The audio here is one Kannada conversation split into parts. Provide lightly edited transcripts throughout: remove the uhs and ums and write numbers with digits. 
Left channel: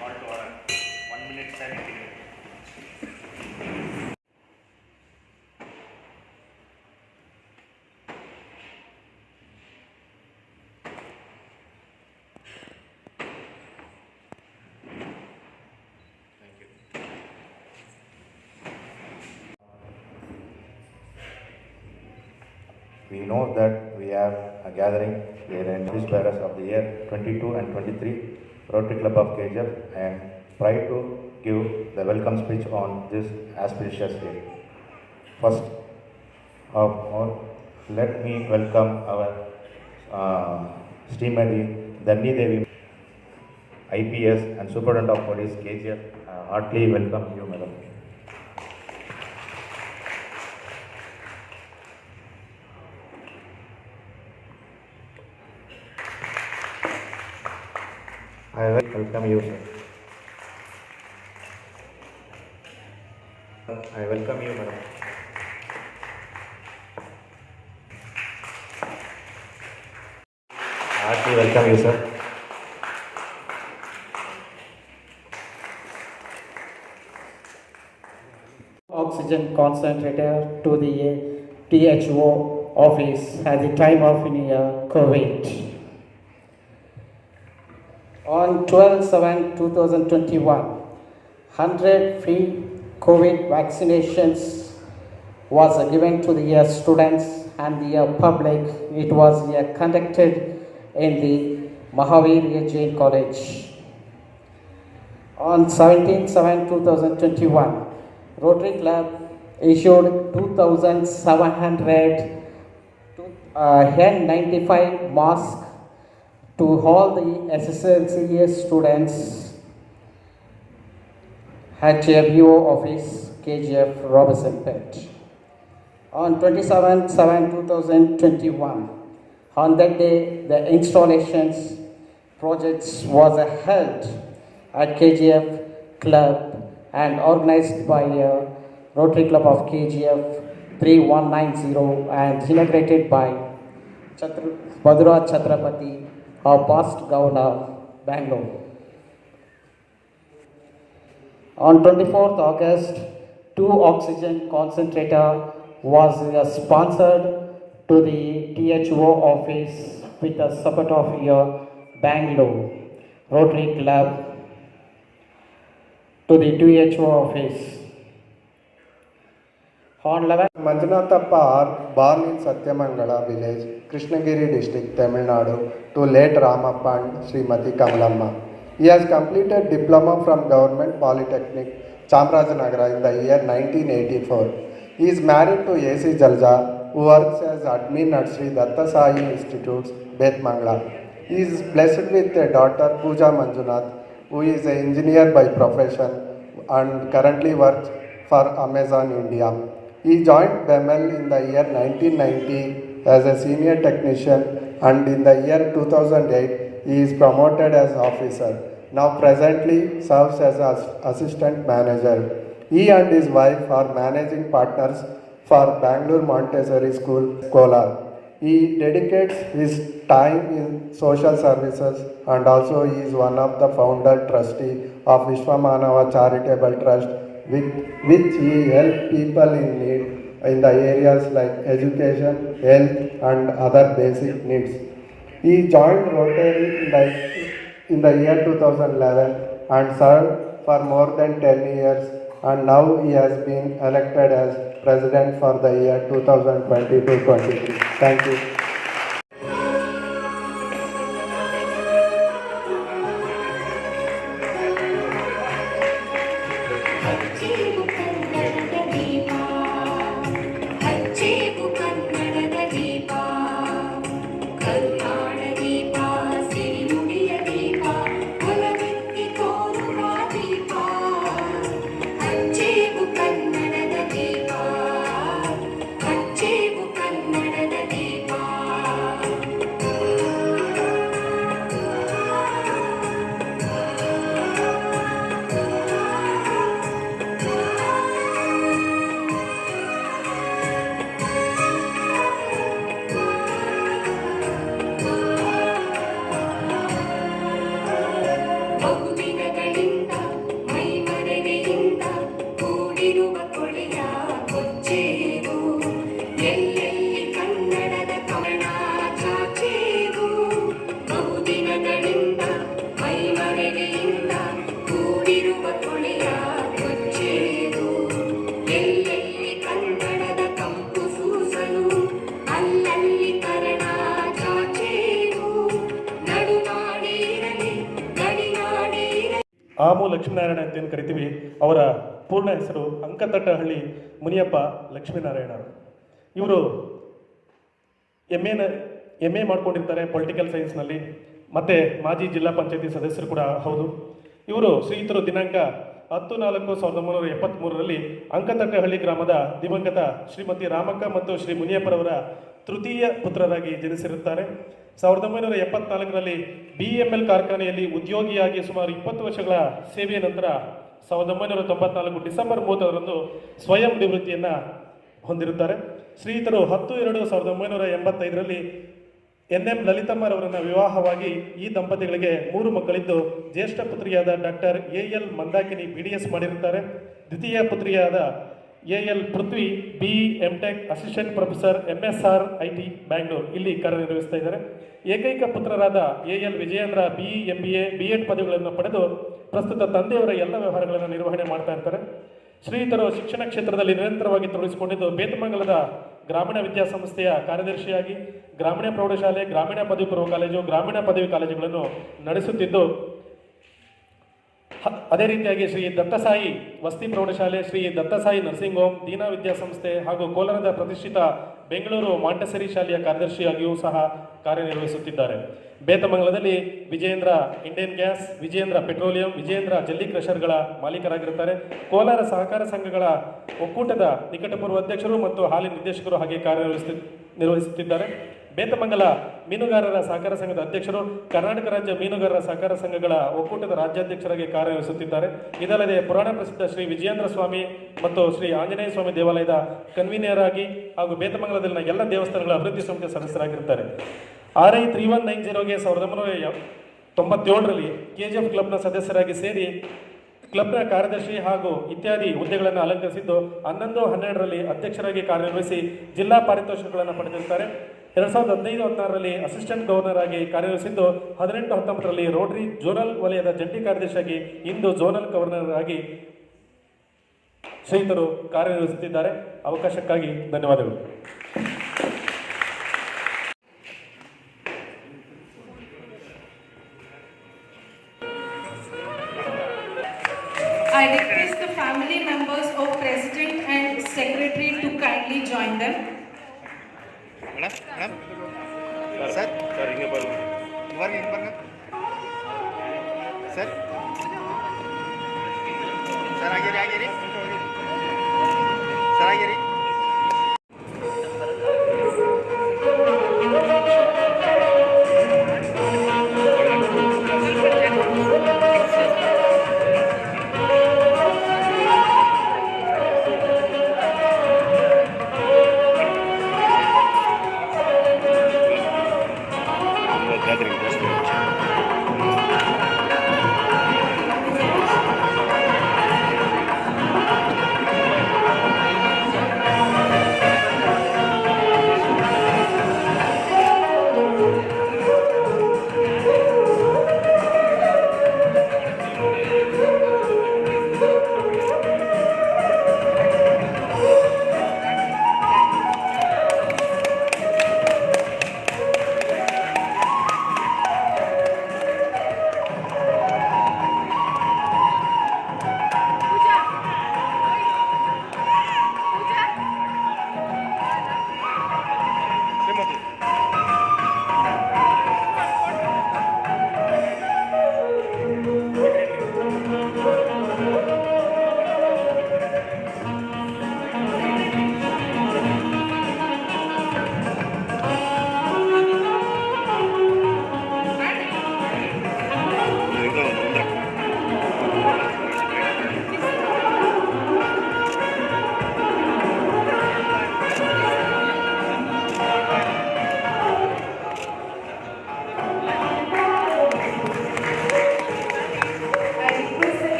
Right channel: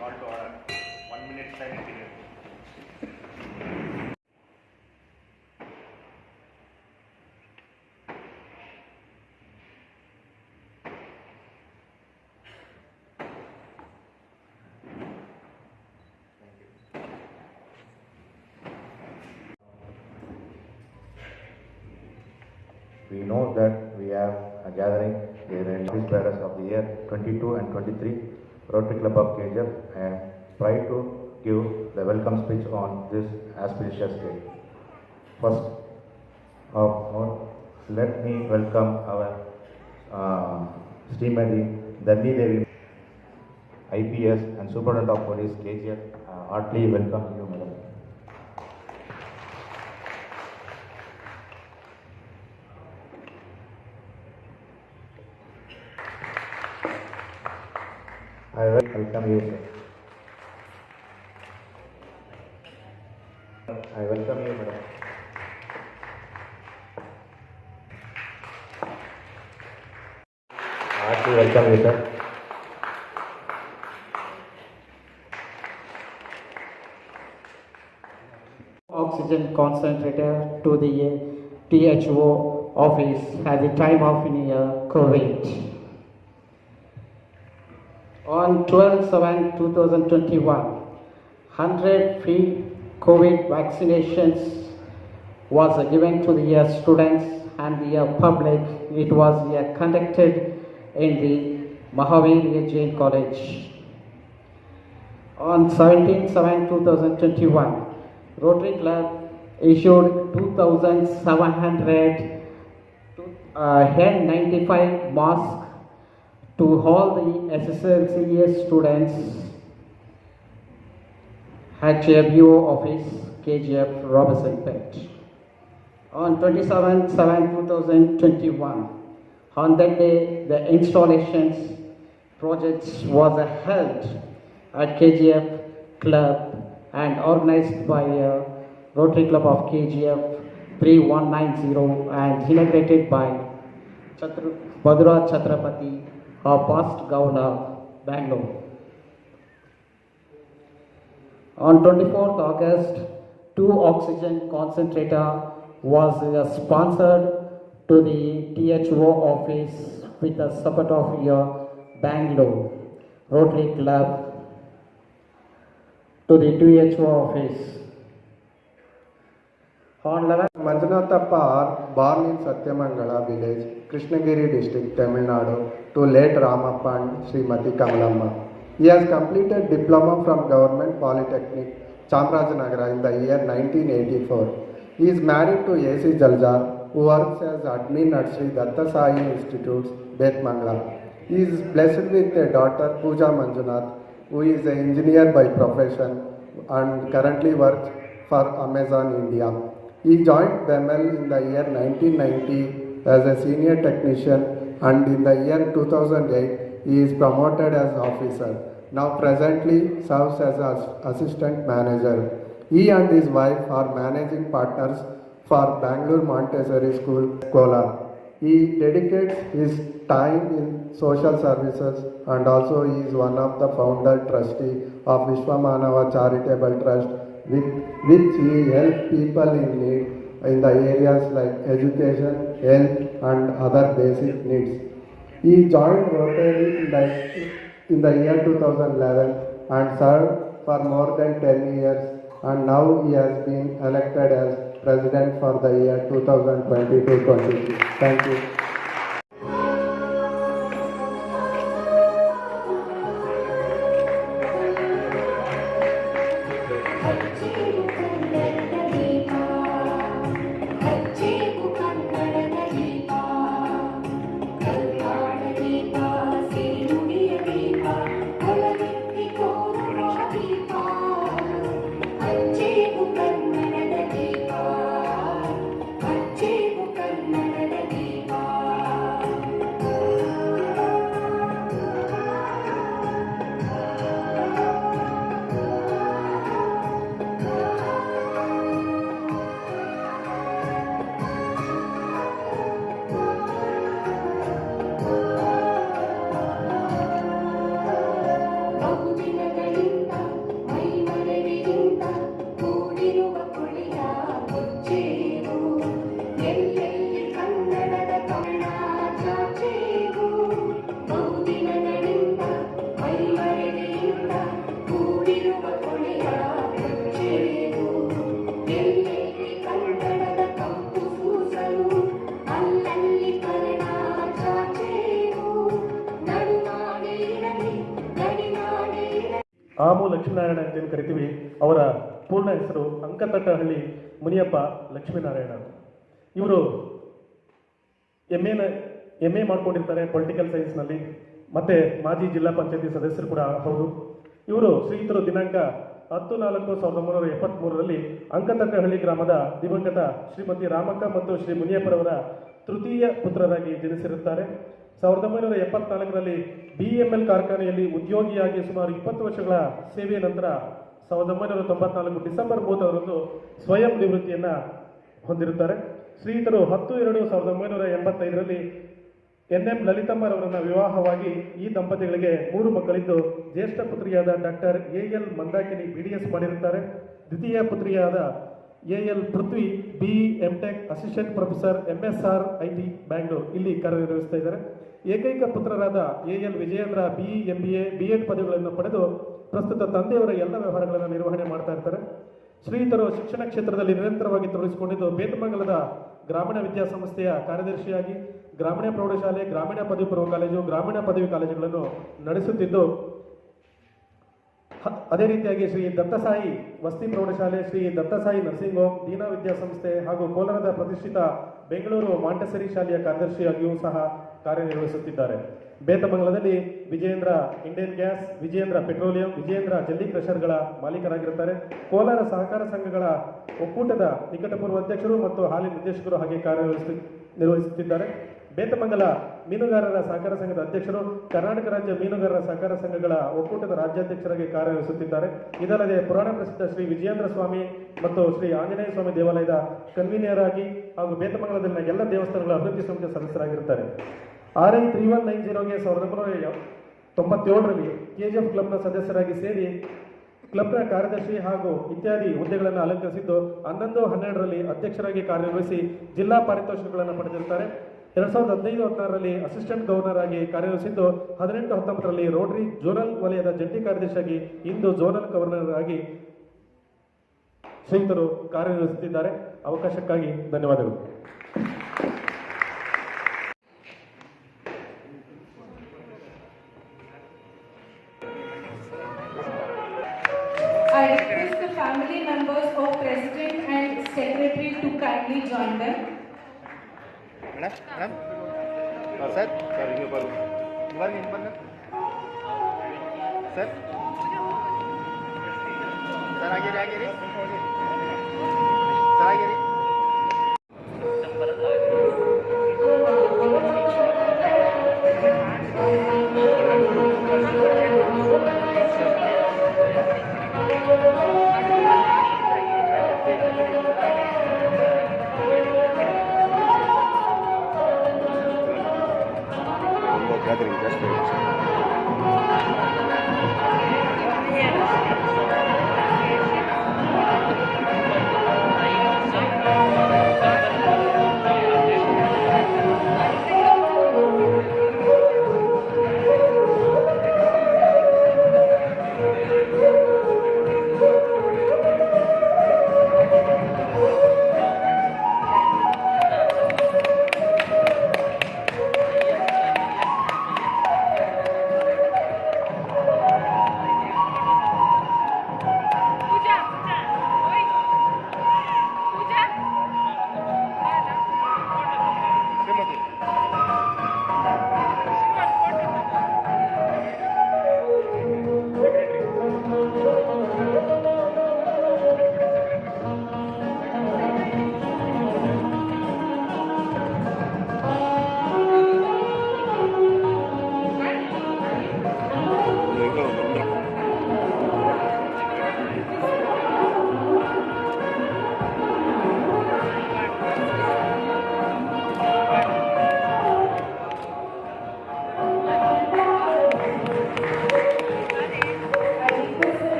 Call to order. 1 minute silent period. Thank you. We know that we have a gathering here in this bearers of the year 22 and 23 Rotary Club of KGF and try to give the welcome speech on this auspicious day. First, let me welcome our Srimati Dhanni Devi, IPS and Superintendent of Police KGF. Heartily welcome you, madam. I welcome you, sir. I welcome you, madam. Heartily welcome you, sir. Oxygen concentrator to the THO office at the time of COVID. On 12/7/2021, 100 free COVID vaccinations was given to the students and the public. It was conducted in the Mahavir Jain College. On 17/7/2021, Rotary Club issued 2,700 N95 masks to all the SSLC students at BO office, KGF, Robertson Pet. On 27/7/2021, on that day, the installations projects was held at KGF Club and organized by Rotary Club of KGF 3190 and inaugurated by Badura Chhatrapati of past Governor, Bangalore. On 24th August, 2 oxygen concentrator was sponsored to the THO office with the support of Bangalore Rotary Club to the THO office. On 11 Manjunatappa are born in Satyamangala village, Krishnagiri district, Tamil Nadu, to late Ramappa and Srimati Kamalamma. He has completed diploma from Government Polytechnic, Chamarajanagar in the year 1984. He is married to A.C. Jalja, who works as admin at Sri Datta Sai Institutes, Betmangala. He is blessed with a daughter, Pooja Manjunath, who is an engineer by profession and currently works for Amazon India. He joined BEMEL in the year 1990 as a senior technician, and in the year 2008 he is promoted as officer. Now presently serves as assistant manager. He and his wife are managing partners for Bangalore Montessori School, Kolar. He dedicates his time in social services and also he is one of the founder trustee of Vishwamanava Charitable Trust, with which he helps people in need in the areas like education, health and other basic needs. He joined Rotary in the year 2011 and served for more than 10 years, and now he has been elected as president for the year 2022-23. Thank you. ಕನ್ನಡದ ದೀಪ ಆಮು ಲಕ್ಷ್ಮೀನಾರಾಯಣ ಅಂತ ಏನು ಕರಿತೀವಿ, ಅವರ ಪೂರ್ಣ ಹೆಸರು ಅಂಕತಟ್ಟಹಳ್ಳಿ ಮುನಿಯಪ್ಪ ಲಕ್ಷ್ಮೀನಾರಾಯಣ. ಇವರು ಎಮ್ ಎ ಮಾಡ್ಕೊಂಡಿರ್ತಾರೆ ಪೊಲಿಟಿಕಲ್ ಸೈನ್ಸ್ನಲ್ಲಿ, ಮತ್ತು ಮಾಜಿ ಜಿಲ್ಲಾ ಪಂಚಾಯತಿ ಸದಸ್ಯರು ಕೂಡ ಹೌದು. ಇವರು ಶ್ರೀಯುತರು ದಿನಾಂಕ 10/4/1973 ಅಂಕತಟ್ಟಹಳ್ಳಿ ಗ್ರಾಮದ ದಿವಂಗತ ಶ್ರೀಮತಿ ರಾಮಕ್ಕ ಮತ್ತು ಶ್ರೀ ಮುನಿಯಪ್ಪರವರ ತೃತೀಯ ಪುತ್ರರಾಗಿ ಜನಿಸಿರುತ್ತಾರೆ. 1974 BML ಕಾರ್ಖಾನೆಯಲ್ಲಿ ಉದ್ಯೋಗಿಯಾಗಿ ಸುಮಾರು 20 ವರ್ಷಗಳ ಸೇವೆಯ ನಂತರ 1994 ಡಿಸೆಂಬರ್ 30 ಸ್ವಯಂ ನಿವೃತ್ತಿಯನ್ನು ಹೊಂದಿರುತ್ತಾರೆ. ಶ್ರೀಯುತರು 10/2/1985 NM ಲಲಿತಮ್ಮರವರನ್ನು ವಿವಾಹವಾಗಿ ಈ ದಂಪತಿಗಳಿಗೆ 3 ಮಕ್ಕಳಿದ್ದು, ಜ್ಯೇಷ್ಠ ಪುತ್ರಿಯಾದ ಡಾಕ್ಟರ್ AL ಮಂದಾಕಿನಿ BDS ಮಾಡಿರುತ್ತಾರೆ. ದ್ವಿತೀಯ ಪುತ್ರಿಯಾದ AL Prithvi BE MTech assistant professor MSR IT Bangalore ಇಲ್ಲಿ ಕಾರ್ಯನಿರ್ವಹಿಸ್ತಾ ಇದ್ದಾರೆ. ಏಕೈಕ ಪುತ್ರರಾದ AL Vijayendra BE MBA B.Ed ಪದವಿಗಳನ್ನು ಪಡೆದು ಪ್ರಸ್ತುತ ತಂದೆಯವರ ಎಲ್ಲ ವ್ಯವಹಾರಗಳನ್ನು ನಿರ್ವಹಣೆ ಮಾಡ್ತಾ ಇರ್ತಾರೆ. ಶ್ರೀಯುತರು ಶಿಕ್ಷಣ ಕ್ಷೇತ್ರದಲ್ಲಿ ನಿರಂತರವಾಗಿ ತೊಡಗಿಸಿಕೊಂಡಿದ್ದು, ಬೇತಮಂಗಲದ ಗ್ರಾಮೀಣ ವಿದ್ಯಾಸಂಸ್ಥೆಯ ಕಾರ್ಯದರ್ಶಿಯಾಗಿ ಗ್ರಾಮೀಣ ಪ್ರೌಢಶಾಲೆ, ಗ್ರಾಮೀಣ ಪದವಿ ಪೂರ್ವ ಕಾಲೇಜು, ಗ್ರಾಮೀಣ ಪದವಿ ಕಾಲೇಜುಗಳನ್ನು ನಡೆಸುತ್ತಿದ್ದು, ಅದೇ ರೀತಿಯಾಗಿ ಶ್ರೀ ದತ್ತಸಾಯಿ ವಸತಿ ಪ್ರೌಢಶಾಲೆ, ಶ್ರೀ ದತ್ತಸಾಯಿ ನರ್ಸಿಂಗ್ ಹೋಮ್, ದೀನಾ ವಿದ್ಯಾಸಂಸ್ಥೆ ಹಾಗೂ ಕೋಲಾರದ ಪ್ರತಿಷ್ಠಿತ ಬೆಂಗಳೂರು ಮಾಂಟೆಸರಿ ಶಾಲೆಯ ಕಾರ್ಯದರ್ಶಿಯಾಗಿಯೂ ಸಹ ಕಾರ್ಯನಿರ್ವಹಿಸುತ್ತಿದ್ದಾರೆ. ಬೇತಮಂಗಲದಲ್ಲಿ Vijayendra Indian gas, Vijayendra petroleum, Vijayendra ಜಲ್ಲಿ ಕ್ರಷರ್ಗಳ ಮಾಲೀಕರಾಗಿರುತ್ತಾರೆ. ಕೋಲಾರ ಸಹಕಾರ ಸಂಘಗಳ ಒಕ್ಕೂಟದ ನಿಕಟಪೂರ್ವ ಅಧ್ಯಕ್ಷರು ಮತ್ತು ಹಾಲಿ ನಿರ್ದೇಶಕರು ಹಾಗೆ ನಿರ್ವಹಿಸುತ್ತಿದ್ದಾರೆ. ಬೇತಮಂಗಲ ಮೀನುಗಾರರ ಸಹಕಾರ ಸಂಘದ ಅಧ್ಯಕ್ಷರು, ಕರ್ನಾಟಕ ರಾಜ್ಯ ಮೀನುಗಾರರ ಸಹಕಾರ ಸಂಘಗಳ ಒಕ್ಕೂಟದ ರಾಜ್ಯಾಧ್ಯಕ್ಷರಾಗಿ ಕಾರ್ಯನಿರ್ವಹಿಸುತ್ತಿದ್ದಾರೆ. ಇದಲ್ಲದೆ ಪುರಾಣ ಪ್ರಸಿದ್ಧ ಶ್ರೀ ವಿಜಯೇಂದ್ರ ಸ್ವಾಮಿ ಮತ್ತು ಶ್ರೀ ಆಂಜನೇಯ ಸ್ವಾಮಿ ದೇವಾಲಯದ ಕನ್ವೀನರ್ ಆಗಿ ಹಾಗೂ ಬೇತಮಂಗಲದಲ್ಲಿನ ಎಲ್ಲ ದೇವಸ್ಥಾನಗಳ ಅಭಿವೃದ್ಧಿ ಸಮಿತಿಯ ಸದಸ್ಯರಾಗಿರುತ್ತಾರೆ. RI 3190ಗೆ 1997 KGF ಕ್ಲಬ್ನ ಸದಸ್ಯರಾಗಿ ಸೇರಿ ಕ್ಲಬ್ನ ಕಾರ್ಯದರ್ಶಿ ಹಾಗೂ ಇತ್ಯಾದಿ ಹುದ್ದೆಗಳನ್ನು ಅಲಂಕರಿಸಿದ್ದು, 11/12 ಅಧ್ಯಕ್ಷರಾಗಿ ಕಾರ್ಯನಿರ್ವಹಿಸಿ ಜಿಲ್ಲಾ ಪಾರಿತೋಷಕಗಳನ್ನು ಪಡೆದಿರುತ್ತಾರೆ. 2015-16 ಅಸಿಸ್ಟೆಂಟ್ ಗವರ್ನರ್ ಆಗಿ ಕಾರ್ಯನಿರ್ವಹಿಸಿದ್ದು, 18-19 ರೋಟರಿ ಝೋನಲ್ ವಲಯದ ಜಂಟಿ ಕಾರ್ಯದರ್ಶಿಯಾಗಿ ಇಂದು ಝೋನಲ್ ಗವರ್ನರ್ ಆಗಿ ಶ್ರೀಯುತರು ಕಾರ್ಯನಿರ್ವಹಿಸುತ್ತಿದ್ದಾರೆ. ಅವಕಾಶಕ್ಕಾಗಿ ಧನ್ಯವಾದಗಳು. I request the family members of President and Secretary to kindly join them. Sir ಹಿಂಗೆ ಬರಲಿ ಸರ್ ಸರ್ ಆಗಿರಿ ಸರ್ ಆಗಿರಿ gathering ಜಾಸ್ತಿ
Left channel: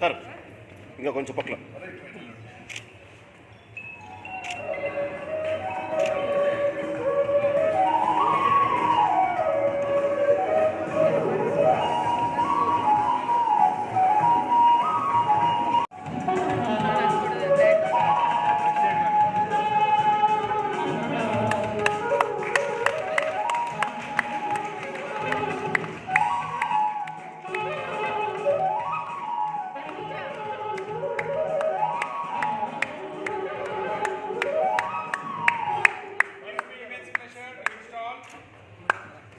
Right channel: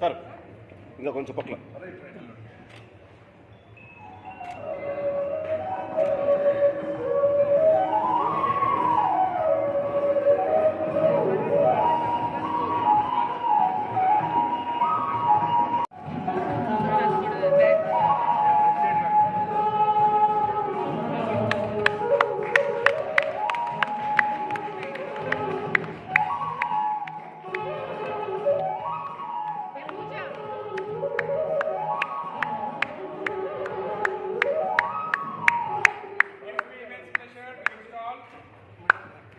ಸರ್ ఇంకా కొంచెం పక్కల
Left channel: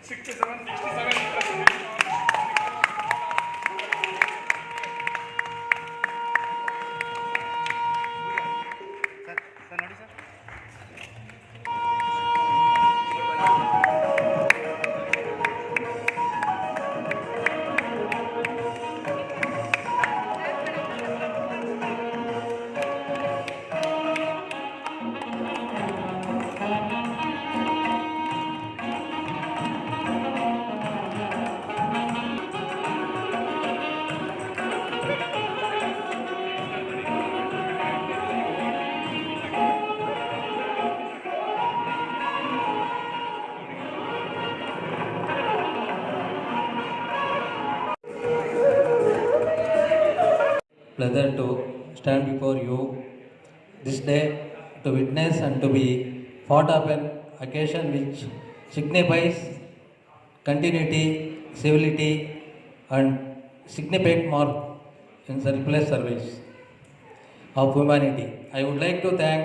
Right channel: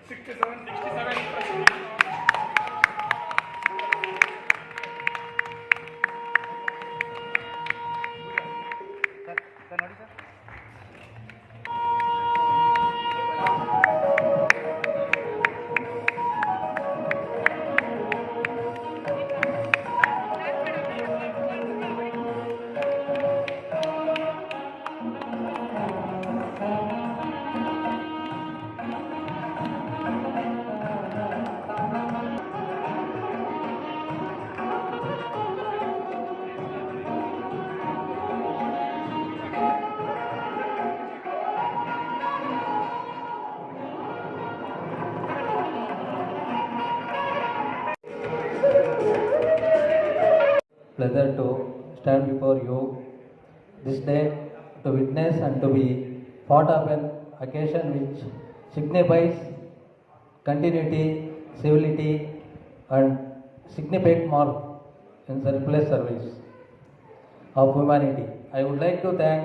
ಸರ್ ನೋಡಿ sir. Pleasure to stand before you this day to witness and to be part of an occasion which signifies continuity, civility, and significant mark in selfless service of humanity. I would like to thank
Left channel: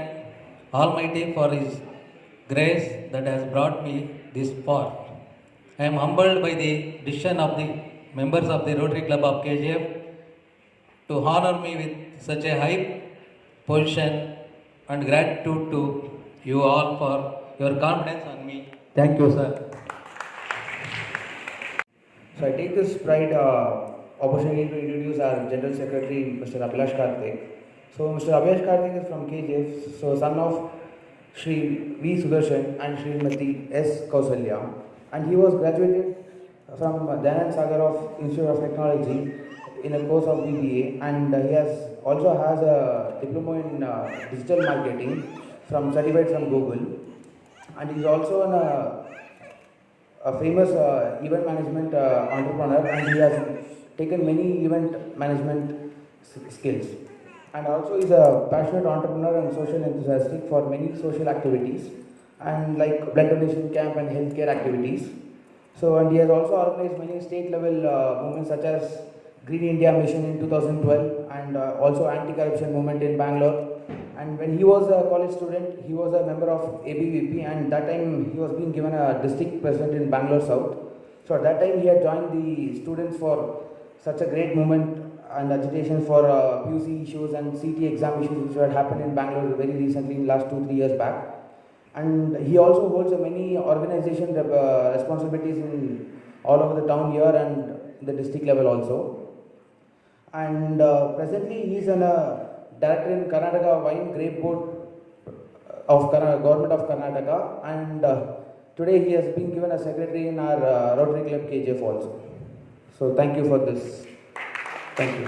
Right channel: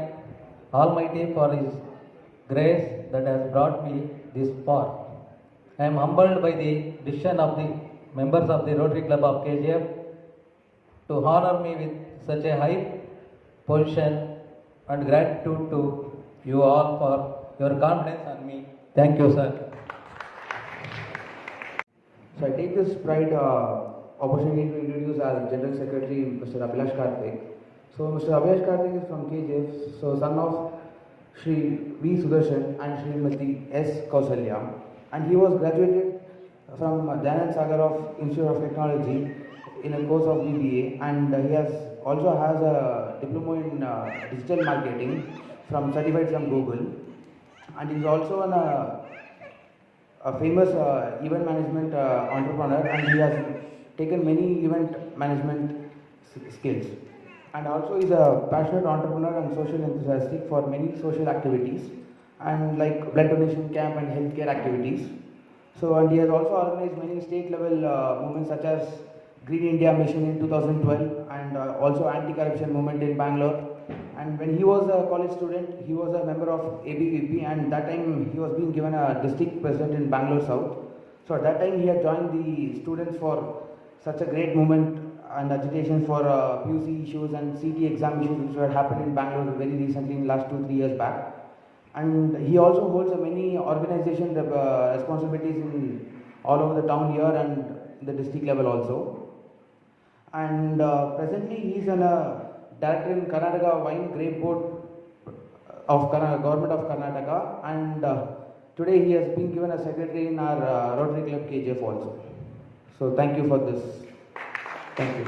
Almighty for His grace that has brought me this far. I am humbled by the decision of the members of the Rotary Club of KGF to honor me with such a high position, and gratitude to you all for your confidence on me. Thank you, sir. So I take this pride opportunity to introduce our General Secretary, Mr. Abhilash Karthik. So Mr. Abhilash Karthik is from KGF, so son of Shri V. Sudarshan and Srimati S. Kausalya, and he was graduated from Dayanand Sagar of Institute of Technology in the course of BBA, and he also has a diploma in digital marketing certified from Google, and he is also a famous event management entrepreneur, and he has taken many event management skills, and also is a passionate entrepreneur and social enthusiastic for many social activities and like blood donation camp and healthcare activities. So, and he has also organized many state level movements such as Green India Mission in 2012 and also anti-corruption movement in Bangalore. And when he was a college student, he was a member of ABVP, and that time he was being given a district president in Bangalore South. So at that time he had joined the students for such a great movement and agitation for PUC issues and CT exam issues which had happened in Bangalore very recently in last 2-3 years back. And he also holds many organization responsibilities in all over the town here and the district level also. And presently he is a director in Karnataka Wine Grape Board of Government of Karnataka, and today he has been given a secretary in our Rotary Club KGF also. So thank you for this. Thank you.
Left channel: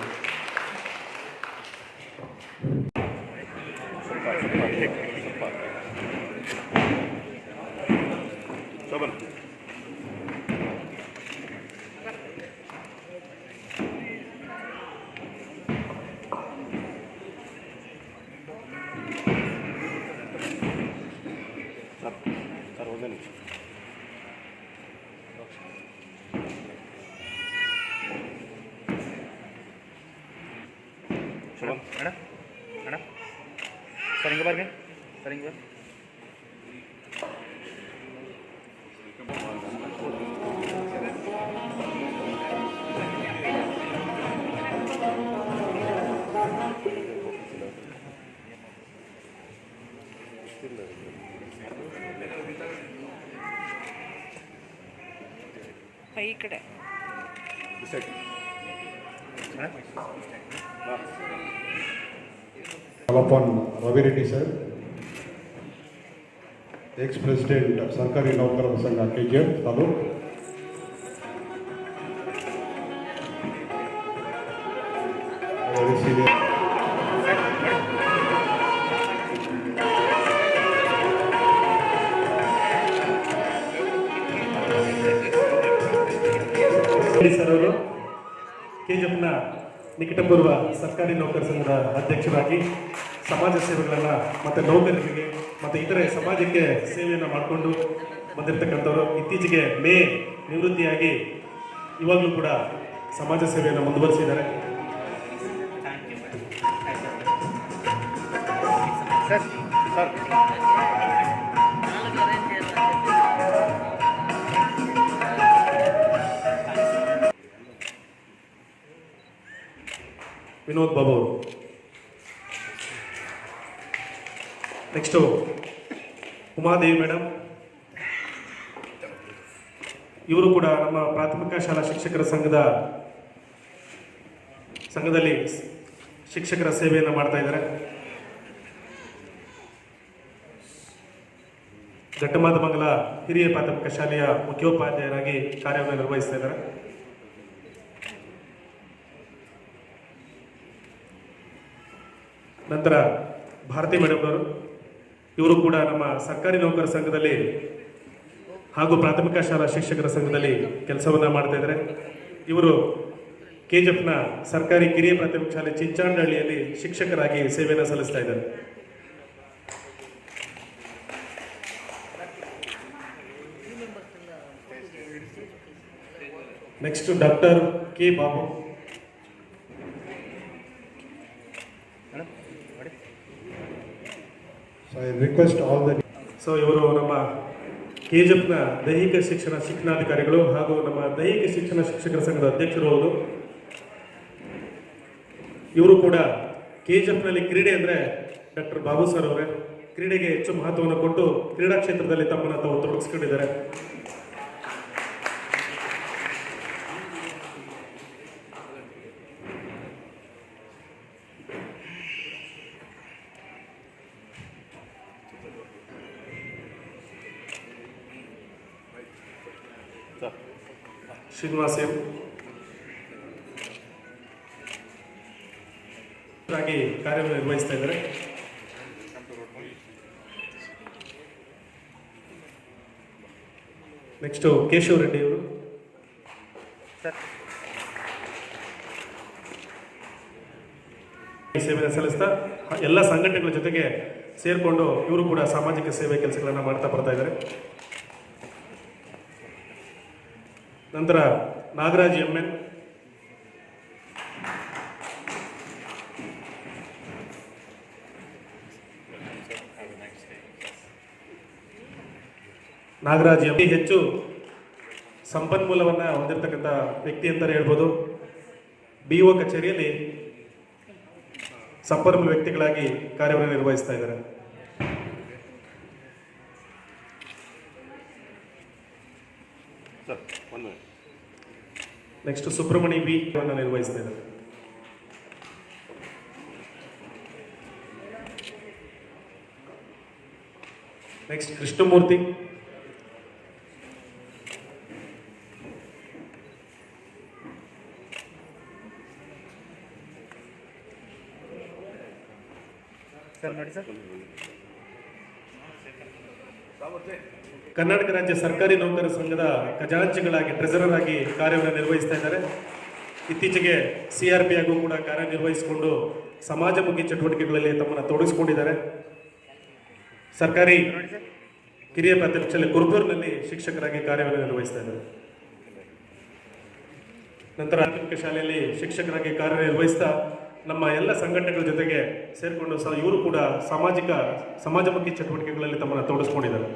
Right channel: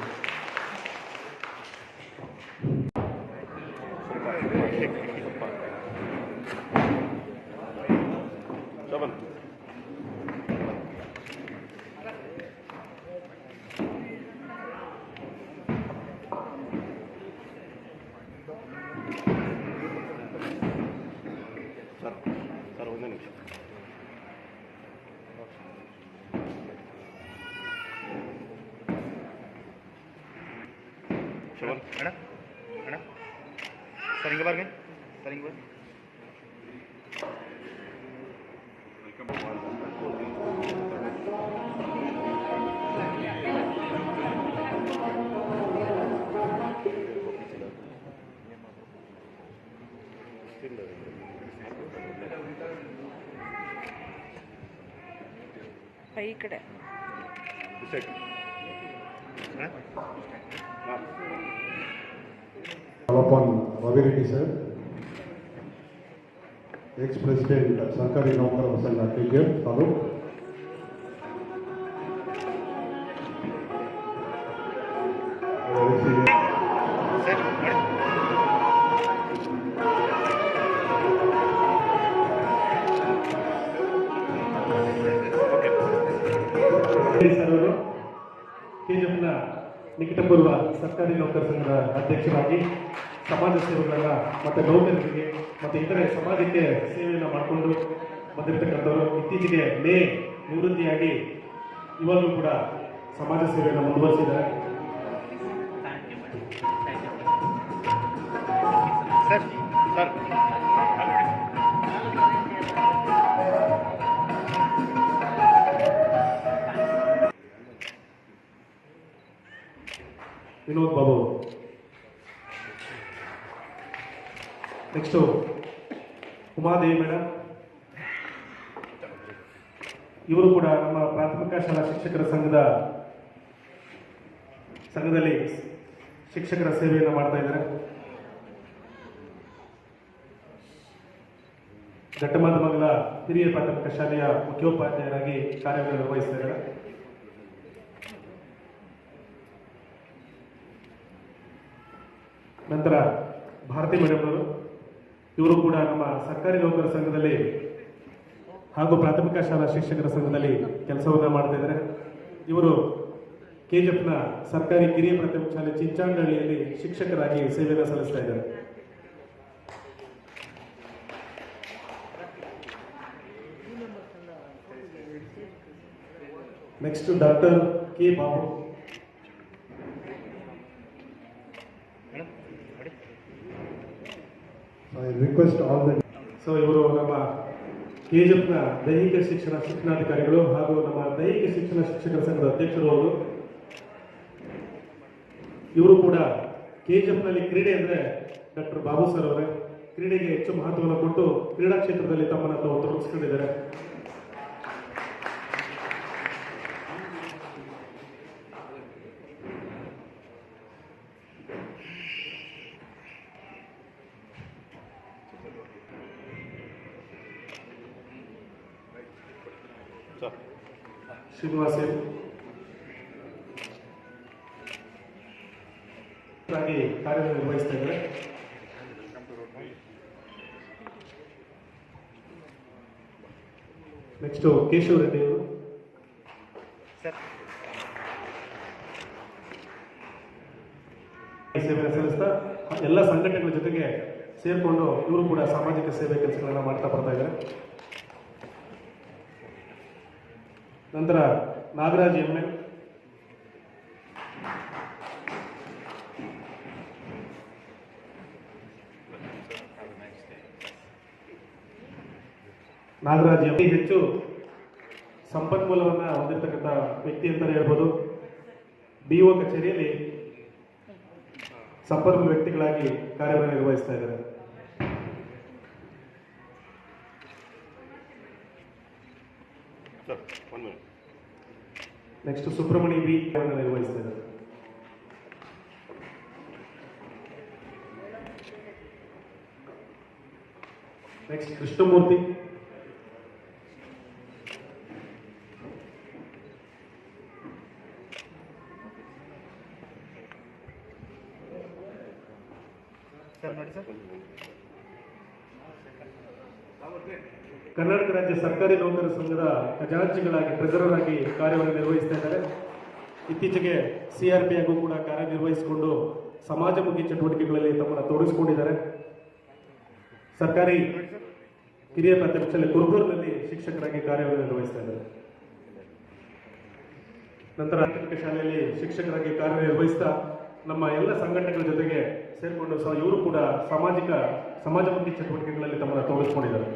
Shobhan sir ಒಂದು ನಿಮಿಷ. ಶೋಭನ್ ಅಣ್ಣ ಅಣ್ಣ ಸರ್ ಹಿಂಗೆ ಬರ್ರಿ ಸರ್ ಹಿಂಗೆ ಬರ್ರಿ. ಈ ಕಡೆ ಸರಿ Call upon Ravi Reddy sir, ex-president Sarkari Naukar Sangha KGF, Taluk. Very senior. Sir ಅವರು ಕೆಜಿಎಫ್ನ ನಿಕಟಪೂರ್ವ ಸರ್ಕಾರಿ ನೌಕರ ಸಂಘದ ಅಧ್ಯಕ್ಷರಾಗಿ ಸಮಾಜ ಸೇವೆಗಳನ್ನ ಮತ್ತು ನೌಕರರಿಗೆ ಮತ್ತು ಇತರೆ ಸಮಾಜಕ್ಕೆ ಸೇವೆಯನ್ನು ಮಾಡಿಕೊಂಡು ಬಂದಿರತಕ್ಕಂಥವರು ಇತ್ತೀಚೆಗೆ ನಿವೃತ್ತಿಯಾಗಿ ಇವಾಗಲೂ ಕೂಡ ಸಮಾಜ ಸೇವೆಯನ್ನು ಮುಂದುವರಿಸಿದ್ದಾರೆ. Sir sir Vinod Babu. Next Umadevi madam, ಇವರು ಕೂಡ ನಮ್ಮ ಪ್ರಾಥಮಿಕ ಶಾಲಾ ಶಿಕ್ಷಕರ ಸಂಘದಲ್ಲಿ ಶಿಕ್ಷಕರ ಸೇವೆಯನ್ನು ಮಾಡ್ತಾ ಇದ್ದಾರೆ. ಘಟ್ಟಮಾದಮಂಗಲ ಹಿರಿಯ ಪ್ರಾಥಮಿಕ ಶಾಲೆಯ ಮುಖ್ಯೋಪಾಧ್ಯಾಯರಾಗಿ ಕಾರ್ಯವನ್ನು ನಿರ್ವಹಿಸ್ತಾ ಇದ್ದಾರೆ. ನಂತರ ಭಾರತಿ ಮೇಡಮ್ ಅವರು, ಇವರು ಕೂಡ ನಮ್ಮ ಸರ್ಕಾರಿ ನೌಕರ ಸಂಘದಲ್ಲಿ ಹಾಗೂ ಪ್ರಾಥಮಿಕ ಶಾಲಾ ಶಿಕ್ಷಕರ ಸಂಘದಲ್ಲಿ ಕೆಲಸವನ್ನು ಮಾಡ್ತಾ ಇದ್ದಾರೆ. ಇವರು ಕೆಜಿಎಫ್ನ ಸರ್ಕಾರಿ ಕಿರಿಯ ಪ್ರಾಥಮಿಕ ಶಾಲೆ ಚಿಂಚಾಂಡಹಳ್ಳಿಯಲ್ಲಿ ಶಿಕ್ಷಕರಾಗಿ ಸೇವೆಯನ್ನು ಸಲ್ಲಿಸ್ತಾ ಇದ್ದಾರೆ. Next doctor K Babu. ಇವರು ನಮ್ಮ ಕೆಜಿಎಫ್ನ ದೈಹಿಕ ಶಿಕ್ಷಣ ಶಿಕ್ಷಣಾಧಿಕಾರಿಗಳು ಹಾಗೂ ನಮ್ಮ ದೈಹಿಕ ಶಿಕ್ಷಣ ಶಿಕ್ಷಕರ ಸಂಘದ ಅಧ್ಯಕ್ಷರು ಹೌದು. ಇವರು ಕೂಡ ಕೆಜಿಎಫ್ನಲ್ಲಿ ಕ್ರೀಡೆ ಅಂದರೆ ಡಾಕ್ಟರ್ ಬಾಬು ಸರ್ ಅವರೇ ಕ್ರೀಡೆಗೆ ಹೆಚ್ಚು ಮಹತ್ವವನ್ನು ಕೊಟ್ಟು ಕ್ರೀಡಾ ಕ್ಷೇತ್ರದಲ್ಲಿ ತಮ್ಮನ್ನು ತಾವು ತೊಡಗಿಸ್ಕೊಂಡಿದ್ದಾರೆ. ಶ್ರೀನಿವಾಸ್ ಆಗಿ ಕಾರ್ಯನಿರ್ವಹಿಸ್ತಾ ಇದ್ದಾರೆ. ನೆಕ್ಸ್ಟ್ ಕೇಶವ್ ರೆಡ್ಡಿ ಅವರು ಸೇವೆಯನ್ನು ಸಲ್ಲಿಸ್ತಾ ಎಲ್ಲ ಸಂಘಟನೆಗಳ ಜೊತೆಗೆ ಸೇರಿಕೊಂಡು ಇವರು ಕೂಡ ಸಾಮಾಜಿಕ ಸೇವೆ ಕೆಲಸಗಳನ್ನು ಮಾಡ್ತಾ ಬರ್ತಾ ಇದ್ದಾರೆ. ನಂತರ ನಾಗರಾಜ್ ಎಂ.ಎನ್. ನಾಗರಾಜ್ ಎಂ ಹೆಚ್ಚು ಸಂಪನ್ಮೂಲವನ್ನು ಹೊಂದಿರತಕ್ಕಂಥ ವ್ಯಕ್ತಿ ಅಂತಾನೆ ಹೇಳ್ಬೋದು. BO ಕಚೇರಿಯಲ್ಲಿ ಸಂಪನ್ಮೂಲ ವ್ಯಕ್ತಿಗಳಾಗಿ ಕಾರ್ಯವನ್ನು ನಿರ್ವಹಿಸ್ತಾ ಇದ್ದಾರೆ. ನೆಕ್ಸ್ಟ್ ಸುಬ್ರಹ್ಮಣಿ ಬಿ ನಿರ್ವಹಿಸ್ತಾ ಇದ್ದಾರೆ. ನೆಕ್ಸ್ಟ್ ಕೃಷ್ಣಮೂರ್ತಿ. ಕರ್ನಾಟಕ ರಾಜ್ಯ ಸರ್ಕಾರಿ ನೌಕರ ಸಂಘದ ಖಜಾಂಚಿಗಳಾಗಿ ಟ್ರೆಸರರ್ ಆಗಿ ಕಾರ್ಯವನ್ನು ನಿರ್ವಹಿಸ್ತಾ ಇದ್ದಾರೆ. ಇತ್ತೀಚೆಗೆ CRP ಆಗೂ ಕೂಡ ಕಾರ್ಯನಿರ್ವಹಿಸಿಕೊಂಡು ಸಮಾಜಮುಖಿ ಚಟುವಟಿಕೆಗಳಲ್ಲಿ ತಮ್ಮನ್ನು ತೊಡಗಿಸಿಕೊಂಡಿದ್ದಾರೆ. ಸರ್ಕಾರಿ ಕಿರಿಯ ಪ್ರಾಥಮಿಕ ಶಾಲೆ ಕುರುಬೂರಿನಲ್ಲಿ ಶಿಕ್ಷಕರಾಗಿ ಕಾರ್ಯವನ್ನು ನಿರ್ವಹಿಸ್ತಾ ಇದ್ದಾರೆ. ನಂತರ ಪ್ರಾಥಮಿಕ ಶಾಲೆಯಲ್ಲಿ ಶಿಕ್ಷಕರಾಗಿ ಕಾರ್ಯನಿರ್ವಹಿಸ್ತಾ ನಮ್ಮ ಎಲ್ಲ ಸಂಘಟನೆಗಳ ಜೊತೆಗೆ ಸೇರಿಕೊಂಡು ಇವರು ಕೂಡ ಸಮಾಜಮುಖಿ ಚಟುವಟಿಕೆಗಳಲ್ಲಿ ತಮ್ಮನ್ನು ತೊಡಗಿಸ್ಕೊಂಡಿದ್ದಾರೆ.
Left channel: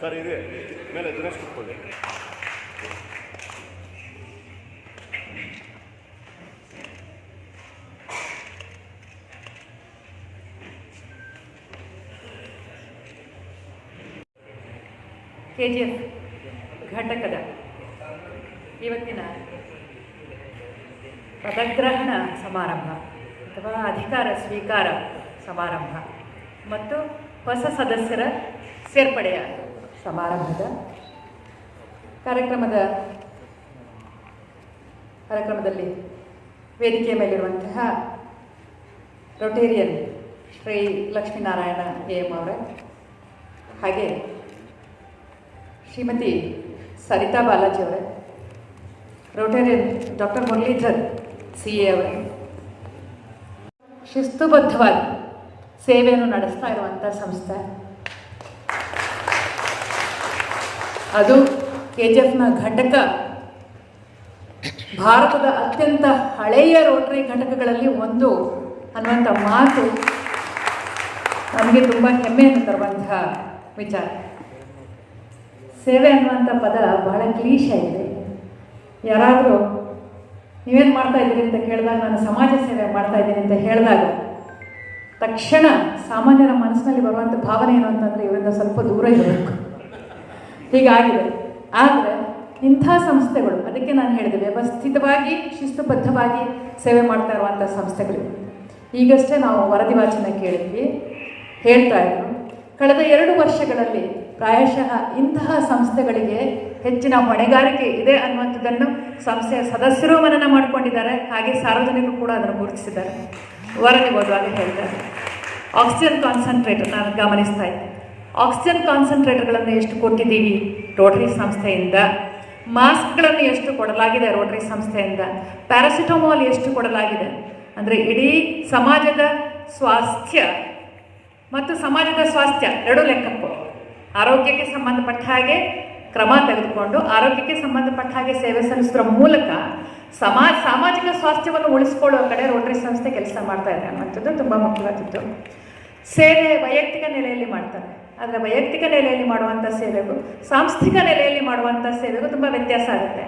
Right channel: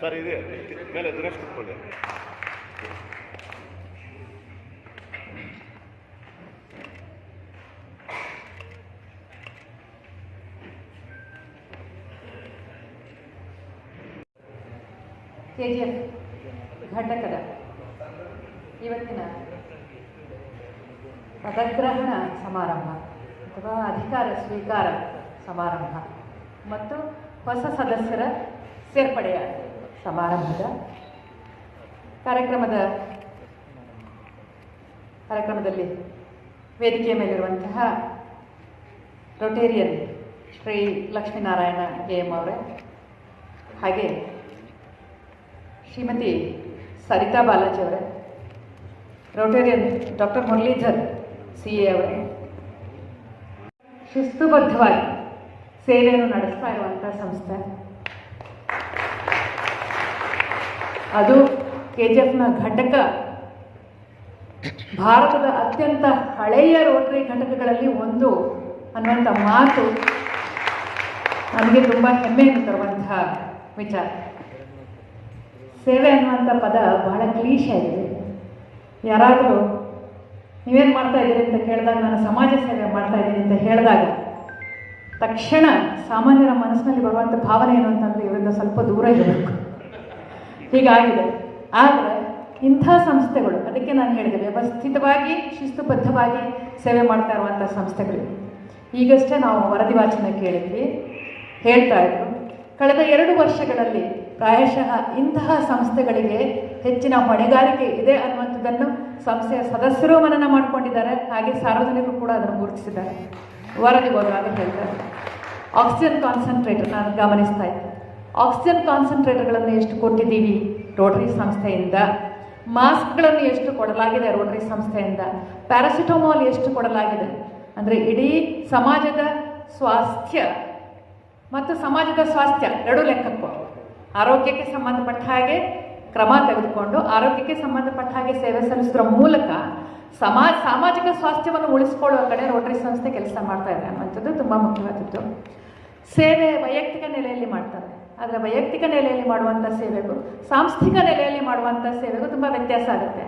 ಸರ್ ಇದೆ ಮೇಲೆ ದಿನೇಶ್ ಕೂತ್ಕೊಳ್ಳಿ. KGF ಘಟಕದ ಇವತ್ತಿನ ಪದಗ್ರಹಣ ಸಮಾರಂಭ ಅಥವಾ ಅಧಿಕಾರ ಸ್ವೀಕಾರ ಸಮಾರಂಭ ಮತ್ತು ಹೊಸ ಸದಸ್ಯರ ಸೇರ್ಪಡೆಯ ಸಮಾರಂಭದ ಕಾರ್ಯಕ್ರಮದಲ್ಲಿ ವೇದಿಕೆಯ ಮೇಲಿರುವಂತಹ ರೋಟೇರಿಯನ್ ಶ್ರೀ ಲಕ್ಷ್ಮೀನಾರಾಯಣ AM ಅವರೇ, ಹಾಗೆ ಶ್ರೀಮತಿ ಸರಿತಾ ಬಾಲಾಜಿ ಅವರೇ, ರೋಟೇರಿಯನ್ ಡಾಕ್ಟರ್ ಮುರಳೀಧರ್ CA ಅವರೇ, ಶಿಸ್ತುಬದ್ಧವಾಗಿ ಸೇವೆಯನ್ನು ನಡೆಸ್ತಾ ಇರುವಂಥ ಸಂಸ್ಥೆ ಅದು KGFನ ಘಟಕ ಭಾರತದ ಅತ್ಯಂತ ಹಳೆಯ ರೋಟರಿ ಘಟಕಗಳಲ್ಲಿ ಒಂದು ಅನ್ನುವಂಥ ಮಾತು ನಮಗೆ ತುಂಬ ಹೆಮ್ಮೆಯನ್ನು ತರುವಂತಹ ವಿಚಾರ. ಸೇವೆ ಅನ್ನುವಂಥ ಪದ ಬಹಳ ಕ್ಲೀಶ್ ಆಗಿದೆ. ಯಾರಾದರೂ ನೀವೇನು ಮಾಡ್ತಾ ಇದ್ದೀರಿ ಅಂತ ಕೇಳಿದಾಗ ನಾನು ಸಮಾಜ ಸೇವೆ ಮಾಡ್ತಾ ಇದ್ದೀನಿ ಅಂತ ಹೇಳಿದಾಗ ತಕ್ಷಣ ಸಾಮಾನ್ಯರ ಮನಸ್ಸಿನಲ್ಲಿ ಬರುವಂಥ ಭಾವನೆ ಏನು ಅಂತಂದರೆ ಇವರಿಂದ ಸ್ವಲ್ಪ ದೂರ ಇರಬೇಕು, ಹೀಗಾಗಿದೆ. ಆದರೆ ಇಂಥ ಸಂಸ್ಥೆಗಳು, ಅದಕ್ಕೆ ನಾನು ಹೇಳಿದೆ ವ್ಯವಸ್ಥಿತವಾಗಿ ಶಿಸ್ತುಬದ್ಧವಾಗಿ ಸೇವೆ ಮಾಡ್ತಾ ಇರುವಂಥ ಸಂಸ್ಥೆಗಳು. ಈಗಷ್ಟೇ ನಾವು ವರದಿ ವಾಚನ ಕೇಳಿದ್ವಿ, ಹೇಳ್ತಾ ಇದ್ರು ಕಳೆದ 2 ವರ್ಷಗಳಲ್ಲಿ ಪ್ರಾಯಶಃ ಇಂತಹ ಸಂಸ್ಥೆಗಳಿಗೆ ಹೆಚ್ಚಿನ ಹೊಣೆಗಾರಿಕೆ ಇದೆ ಅನ್ನುವಂಥದ್ದನ್ನು ಸಂಸ್ಥೆಯ ಸದಸ್ಯರು ಮನನ ಮಾಡಿಕೊಂಡಿದ್ದಾರೆ, ಹಾಗೆ ಸಾರ್ವಜನಿಕರು ಕೂಡ ಅದನ್ನು ಗುರುತಿಸಿದ್ದಾರೆ. ವರದಿ ಓದುವಾಗ ಹೇಳ್ತಾರೆ, ಆಕ್ಸಿಜನ್ ಕಾನ್ಸಂಟ್ರೇಟರ್ ನಾನು ಗಮನಿಸ್ತಾ ಇದ್ದೆ. ಆಕ್ಸಿಜನ್ ಕಾನ್ಸಂಟ್ರೇಟರ್ಗಳನ್ನು ಎಷ್ಟು ಕೊಟ್ಟಿದ್ದೀವಿ ರೋಟರಿ ಸಂಸ್ಥೆಯಿಂದ, ಮಾಸ್ಕ್ಗಳನ್ನು ಎಷ್ಟು ಕೊಡಲಾಗಿದೆ ರೋಟರಿ ಸಂಸ್ಥೆಯಿಂದ, ಪ್ಯಾರಾಸಿಟಮೋಲ್ ಎಷ್ಟು ಕೊಡಲಾಗಿದೆ. ಅಂದರೆ ಇಡೀ ಸಮಾಜದ ಸ್ವಾಸ್ಥ್ಯ ಮತ್ತು ಸಮಾಜದ ಸ್ವಾಸ್ಥ್ಯ ಎರಡೂ ಲೆಕ್ಕಕ್ಕೂ ಆರೋಗ್ಯಕ್ಕೆ ಸಂಬಂಧಪಟ್ಟ ಹಾಗೆ ಕ್ರಮ ತೆಗೆದುಕೊಂಡು ಆರೋಗ್ಯಕ್ಕೆ ಸಂಬಂಧಪಟ್ಟ ಹಾಗೆ ಸೇವೆ ಸಲ್ಲಿಸುವ ಮೂಲಕ ಸಾಮಾಜಿಕ ಸ್ವಾಸ್ಥ್ಯವನ್ನು ಉಳಿಸ್ಕೊಳ್ಳುವ ಕಡೆ ರೋಟರಿ ಸಂಸ್ಥೆ ಕೆಲಸ ಮಾಡ್ತಾ ಇದೆ ಅನ್ನೋಂಥದ್ದು ತುಂಬ ಮುಖ್ಯವಾದದ್ದು. ಸೇವೆ ವೈಯಕ್ತಿಕ ನೆಲೆಯಲ್ಲಿ ಮಾಡ್ತಾರೆ, ಆದರೆ ವೈಯಕ್ತಿಕ ನೆಲೆಯಲ್ಲಿ ಮಾಡುವಂಥ ಸೇವೆಗೂ ಸಾಂಸ್ಥಿಕ ನೆಲೆಯಲ್ಲಿ ಮಾಡುವಂಥ ಸೇವೆಗೂ ತುಂಬ ವ್ಯತ್ಯಾಸ ಆಗುತ್ತೆ.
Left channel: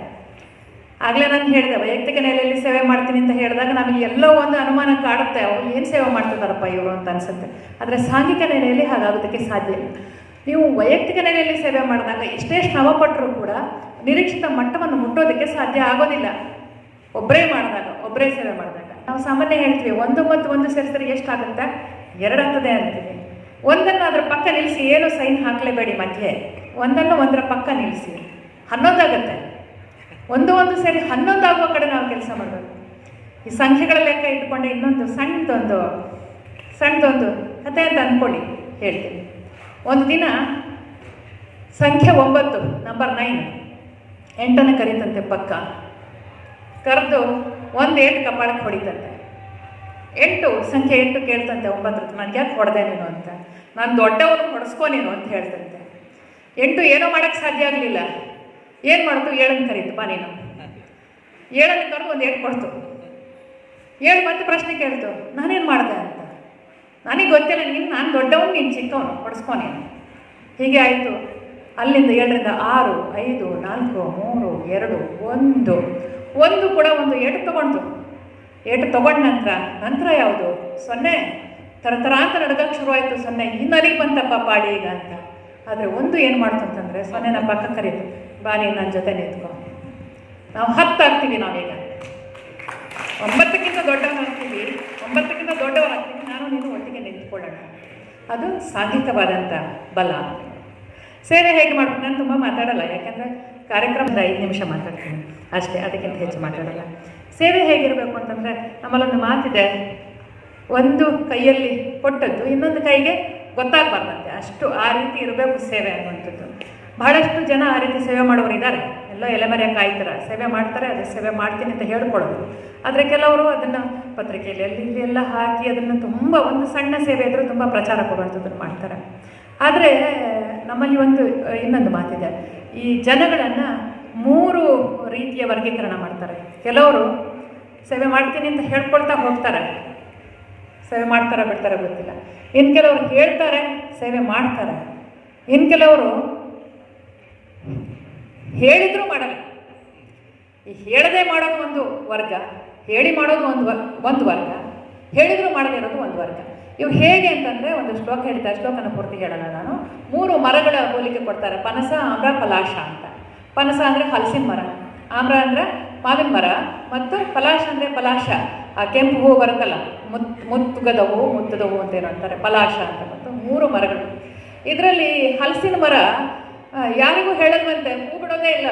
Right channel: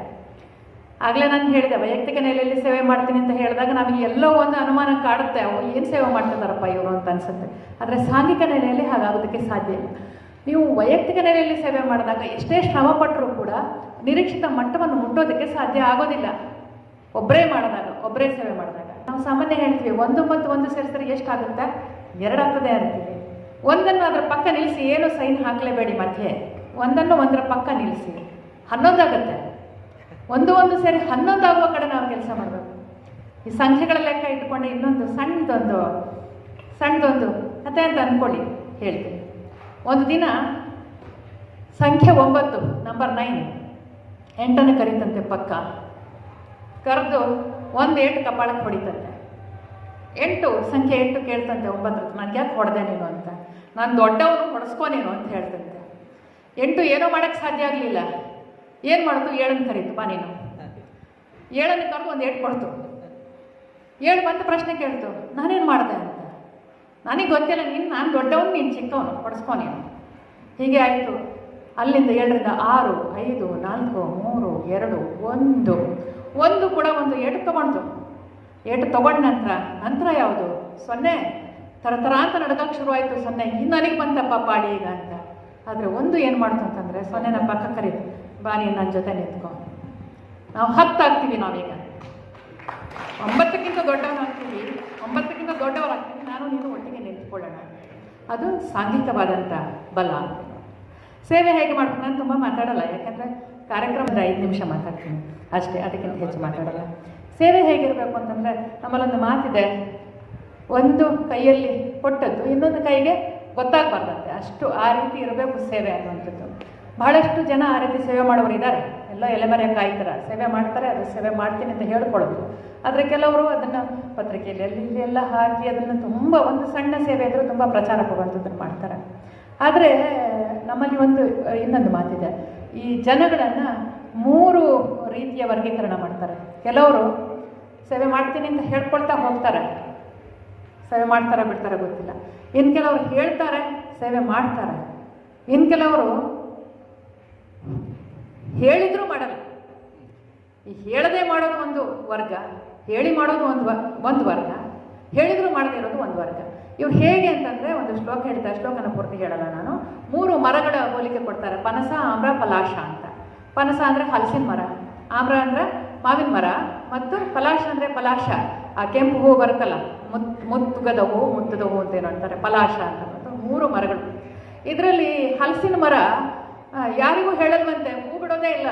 ಆಗಲೇ ನಾನು ಹೇಳಿದೆ, ವೈಯಕ್ತಿಕ ನೆಲೆಯಲ್ಲಿ ಸೇವೆ ಮಾಡ್ತೀನಿ ಅಂತ ಹೇಳಿದಾಗ ನಮಗೆ ಎಲ್ಲೋ ಒಂದು ಅನುಮಾನ ಕಾಡುತ್ತೆ, ಅವ್ರು ಏನು ಸೇವೆ ಮಾಡ್ತಿದ್ದಾರಪ್ಪ ಇವರು ಅಂತ ಅನ್ಸುತ್ತೆ. ಆದರೆ ಸಾಂಘಿಕ ನೆಲೆಯಲ್ಲಿ ಹಾಗಾಗೋದಕ್ಕೆ ಸಾಧ್ಯ ಇಲ್ಲ. ನೀವು ವೈಯಕ್ತಿಕ ನೆಲೆಯಲ್ಲಿ ಸೇವೆ ಮಾಡಿದಾಗ ಎಷ್ಟೇ ಶ್ರಮ ಪಟ್ಟರೂ ಕೂಡ ನಿರೀಕ್ಷಿತ ಮಟ್ಟವನ್ನು ಮುಟ್ಟೋದಕ್ಕೆ ಸಾಧ್ಯ ಆಗೋದಿಲ್ಲ. ಒಬ್ಬರೇ ಮಾಡಿದಾಗ, ಒಬ್ಬರೇ ಸೇವೆ ಮಾಡಿದಾಗ ನಾವು ಸಾಮಾನ್ಯ ಹೇಳ್ತೀವಿ 1 ಮತ್ತು 1 ಸೇರಿಸಿದ್ರೆ ಎಷ್ಟಾಗುತ್ತೆ, 2 ಆಗ್ತದೆ ಅಂತೀವಿ. ಒಂದನ್ನು ಅದರ ಪಕ್ಕ ನಿಲ್ಲಿಸಿ, ಏನು ಸೈನ್ ಹಾಕಲೇಬೇಡಿ ಮಧ್ಯೆ, ಒಂದನ್ನು ಒಂದರ ಪಕ್ಕ ನಿಲ್ಲಿಸಿ 11 ಆಗುತ್ತೆ. 1 ಸೇರಿ 11 ಆಗುವ ಕಡೆ ನಾವು ಕೆಲಸ ಮಾಡಬೇಕು. ಈ ಸಂಖ್ಯೆಗಳ ಲೆಕ್ಕ ಇಟ್ಕೊಂಡು ಇನ್ನೊಂದು ಸಣ್ಣದೊಂದು ಕಥೆ ಅಂತ ಅಂದ್ಕೊಳ್ಳಿ, ಹೇಳ್ತೀನಿ. ಒಂದು ದಿನ ಸಂಖ್ಯೆ 9 ನಂಬರ್ 9 8ಅನ್ನು ಕರೀತಂತೆ ಪಕ್ಕ. ಕರೆದು 1 8 ಕಪಾಳಕ್ಕೆ ಹೊಡಿತಂತೆ. 8 ಸಂಖ್ಯೆ 8 ಕೇಳ್ತಂತೆ 9 ನನಗೆ ಯಾಕೆ ಹೊಡೆದೆ ನೀನು ಅಂತ. ನಾನು ದೊಡ್ಡವರು ಹೊಡೆಸ್ಕೊ ನೀನು ಅಂತ ಹೇಳ್ತಂತೆ. 8 ಏನೋ ಮಾಡೋಕ್ಕೆ ಸಾಧ್ಯ ಆಗಲಿಲ್ಲ. ಏನು ಮಾಡ್ತು, 7ಅನ್ನು ಕರೀತಪ್ಪ ನೀನು. 7ಅನ್ನು ಕರೆದು 1 8 ಕೊಡ್ತು. 7 ಮತ್ತೆ ಪ್ರಶ್ನೆ ಕೇಳ್ತು, ನಾನೇನು ಮಾಡಿದೆ ಅಂತ. ನನಗೆ ಗೊತ್ತಿಲ್ಲ, ನಾನು ದೊಡ್ಡವನು, ನೀನು ಚಿಕ್ಕವನು, ಹೊಡೆಸ್ಕೊ ನೀನು. ಹೀಗೆ ಆಯಿತು. ಅಲ್ಲಿಂದ 7ರಿಂದ 6 5 4 3 2 1 ಕೂಡ ಒಂದು 8 ತೊಗೊಂಡು 8 ತೊಗೊಂಡ ನಂತರ ಯಾವುದು 0 ಥರ ಅಂತ ನಡ್ಗಕ್ಕೆ ಶುರುವಾಯಿತು. 0 ಇನ್ನಲ್ಲಿಗೆ ಬಂತಪ್ಪ ಪಾಡಿ ಈಗ ಅಂತ. ಆದರೆ 1 ಏನು ಮಾಡ್ತು ಅಂತಂದರೆ 0ನ ಪಕ್ಕ ಕರೀತು, ಬಾ ನೀನು ನನ್ನ ಜೊತೆ ನಿಂತ್ಕೊ, ನಾವು 10 ಆಗ್ತೀವಿ. ನಾವೀಗ 9ಕ್ಕಿಂತ ದೊಡ್ಡವರಾಗ್ತೀವಿ, 9ಕ್ಕಿಂತ ದೊಡ್ಡವರಾಗ್ತೀವಿ, ನಾನು ನೀನು ಒಟ್ಟಿಗೆ ನಿಂತ್ಕೊಳ್ಳೋಣ. ಅದು ಸಾಂಘಿಕವಾದಂಥ ಬಲ. ಸೇವೆ ಹೇಗೆ ಮಾಡ್ಬೇಕು, ನಾನು ತುಂಬ ಮಾತಾಡಲ್ಲ, ಯಾಕೆಂದರೆ ಕಾರ್ಯಕ್ರಮದ 5 ನಿಮಿಷ ಮಾತಾಡ್ತೀನಿ ಅಷ್ಟೇ, ಅದಕ್ಕಿಂತ ಹೆಚ್ಚು ಮಾತಾಡಲ್ಲ. ಸೇವೆ ಹೇಗಿರಬೇಕು ಅಂತಂದರೆ ನಮ್ಮಲ್ಲೊಂದು ಮಾತಿದೆ, ಒಂದು ಕೈಯಲ್ಲಿ ಕೊಟ್ಟದ್ದು ಇನ್ನೊಂದು ಕೈಗೆ ಗೊತ್ತಾಗಬಾರ್ದಂತೆ, ಅಷ್ಟು ಆ ರೀತಿ ಇರಬೇಕು ಸೇವೆ ಅನ್ನುವಂಥದ್ದು. ಬಹಳಷ್ಟು ಜನ ಆ ರೀತಿ ಸೇವೆ ಮಾಡೋರು ಇದ್ದಾರೆ. ಎಲ್ಲೋ ಎಲೆಮರೆ ಕಾಯ್ತಾರೆ, ಸೇವೆ ಮಾಡ್ತಾರೆ, ಅದು ಸೇವೆ ಮಾಡ್ತೀನಿ ಅಂತ ಹೇಳ್ಕೊಳ್ಳೋದು. ಆದರೆ ಕೆಲವರು ಅದನ್ನು ಪತ್ರಿಕೆಯಲ್ಲಿ ಅಲ್ಲಿ ಎಲ್ಲ ಹಾಕಿ ಅದನ್ನು ತುಂಬ ಒಂದು ಸಣ್ಣ ಸೇವೆ ಇದ್ದರೂ ತುಂಬ ಪ್ರಚಾರ ಕೊಡುವಂಥದ್ದನ್ನು ಮಾಡ್ತಾರೆ. ಆದರೆ ನಮ್ಮಲ್ಲಿ ಇನ್ನೊಂದು ಮಾತಿದೆ, ಈ ಜನಗಳನ್ನು 3 ರೀತಿಯ ವರ್ಗೀಕರಣ ಮಾಡ್ತಾರೆ. ಕೆಲವರು ಸೇವೆ ಮಾಡ್ತೀನಿ ಅಂತ ಹೇಳ್ಕೊಳ್ತಾ ಹೋಗ್ತಾರೆ, ಸೇವೆ ಮಾಡ್ತಾರೆ ಬಿಡ್ತಾರೆ ಗೊತ್ತಿಲ್ಲ. ಇನ್ನು ಕೆಲವರು ಹೇಳ್ತಾರೆ, ಸೇವೆ ಮಾಡ್ತಾರೆ. ಇನ್ನು ಕೆಲವರು ಹೇಳಿದರೂ ಮಾಡಲ್ಲ. ಈ ಹೇಳದೆ ಮಾಡೋದು ಒಂದು ವರ್ಗ, ಹೇಳಿ ಮಾಡೋದು ಒಂದು ವರ್ಗ, ಹೇಳಿದರೂ ಮಾಡದೇ ಇರೋದು ಒಂದು ವರ್ಗ. ಇವು ಹೇಗೆ ಅಂತಂದರೆ ಒಂದು ಶ್ಲೋಕ ಹೇಳ್ತಾರೆ, ಶ್ಲೋಕನ ಪೂರ್ತಿ ಹೇಳೋಣ ನಾನು. 3 ಮರಗಳ ಹೋಲಿಕೆ ಕೊಡ್ತಾರೆ, ಪನಸ, ಆಮ್ರ, ಪಲಾಶ ಅಂತ. ಪನಸ ಅಂದರೆ ಹಲಸಿನ ಮರ, ಆಮ್ರ ಅಂದರೆ ಮಾವಿನ ಮರ, ಮತ್ತು ಪಲಾಶ ಅಂದರೆ ಪಲಾಶ, ಕೆಂಪು ಹೂವು ಬರುತ್ತಲ್ಲ, ಮುತ್ತುಗದ ಹೂವು, ಮುತ್ತದ ಹೂವು ಅಂತ ಏನೋ ಅಂತಾರೆ, ಪಲಾಶ ಅಂತ. 3 ಮರಗಳು. ಇದರಲ್ಲಿ ಹಲಸಿನ ಮರ ಯಾರಿಗೂ ಹೇಳಲ್ವಂತೆ, ಹೂ ಬಿಡೋದೇ ಇಲ್ಲ.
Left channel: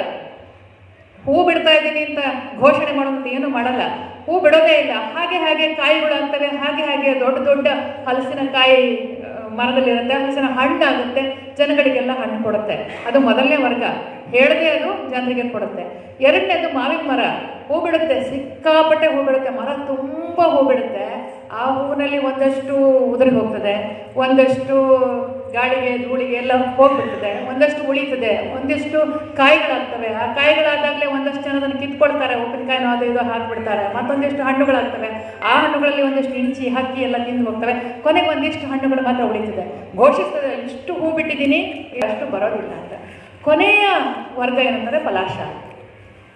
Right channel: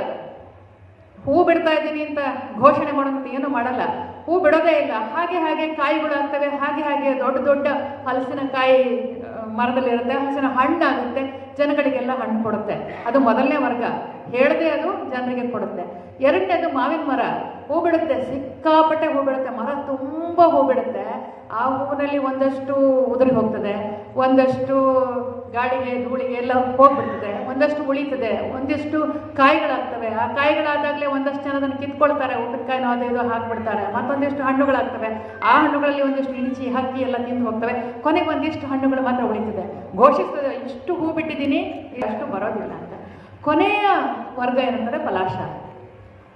ಹೂ ಬಿಡ್ತಾ ಇದ್ದೀನಿ ಅಂತ ಘೋಷಣೆ ಮಾಡೋದು ಏನೂ ಮಾಡಲ್ಲ, ಹೂ ಬಿಡೋದೇ ಇಲ್ಲ. ಹಾಗೆ ಕಾಯಿಗಳು ಆಗ್ತವೆ, ಹಾಗೆ ದೊಡ್ಡ ಹಲಸಿನಕಾಯಿ ಮರದಲ್ಲಿರುತ್ತೆ, ಹಲಸಿನ ಹಣ್ಣಾಗುತ್ತೆ, ಜನಗಳಿಗೆಲ್ಲ ಹಣ್ಣು ಕೊಡುತ್ತೆ. ಅದು ಮೊದಲನೇ ವರ್ಗ, ಹೇಳದೆ ಅದು ಜನರಿಗೆ ಕೊಡುತ್ತೆ. ಎರಡನೇದು ಮಾವಿನ ಮರ, ಹೂ ಬಿಡುತ್ತೆ, ಸಿಕ್ಕಾಪಟ್ಟೆ ಹೂ ಬಿಡುತ್ತೆ, ಮರ ತುಂಬ ಹೂ ಬಿಡುತ್ತೆ. ಆ ಹೂವಿನಲ್ಲಿ ಒಂದಷ್ಟು ಉದುರಿ ಹೋಗ್ತದೆ, ಒಂದಷ್ಟು ಗಾಳಿಗೆ ಧೂಳಿಗೆ ಎಲ್ಲ ಹೋಗ್ಬಿಡ್ತದೆ, ಒಂದಷ್ಟು ಉಳಿತದೆ, ಒಂದಿಷ್ಟು ಕಾಯಿಗಳಾಗ್ತವೆ. ಆ ಕಾಯಿಗಳಾದಾಗಲೇ ಒಂದಷ್ಟು ಜನ ಅದನ್ನು ಕಿತ್ಕೊಳ್ತಾರೆ, ಉಪ್ಪಿನಕಾಯಿನೋ ಅದು ಇದು ಹಾಕ್ಬಿಡ್ತಾರೆ. ಮತ್ತೊಂದಿಷ್ಟು ಹಣ್ಣುಗಳಾಗ್ತವೆ, ಆ ಹಣ್ಣುಗಳಲ್ಲಿ ಒಂದಿಷ್ಟು ಇಣಿಚಿ ಹಕ್ಕಿ ಎಲ್ಲ ತಿಂದು ಹೋಗ್ತವೆ. ಕೊನೆಗೆ ಒಂದಿಷ್ಟು ಹಣ್ಣುಗಳು ಮಾತ್ರ ಉಳಿತದೆ. ಘೋಷಿಸ್ತದೆ ಇಷ್ಟು ಹೂ ಬಿಟ್ಟಿದ್ದೀನಿ, ಅಷ್ಟು ಬರೋದಿಲ್ಲ ಅಂತ. ಕೊನೆಯ ವರ್ಗ ಏನಂದರೆ ಪಲಾಶ.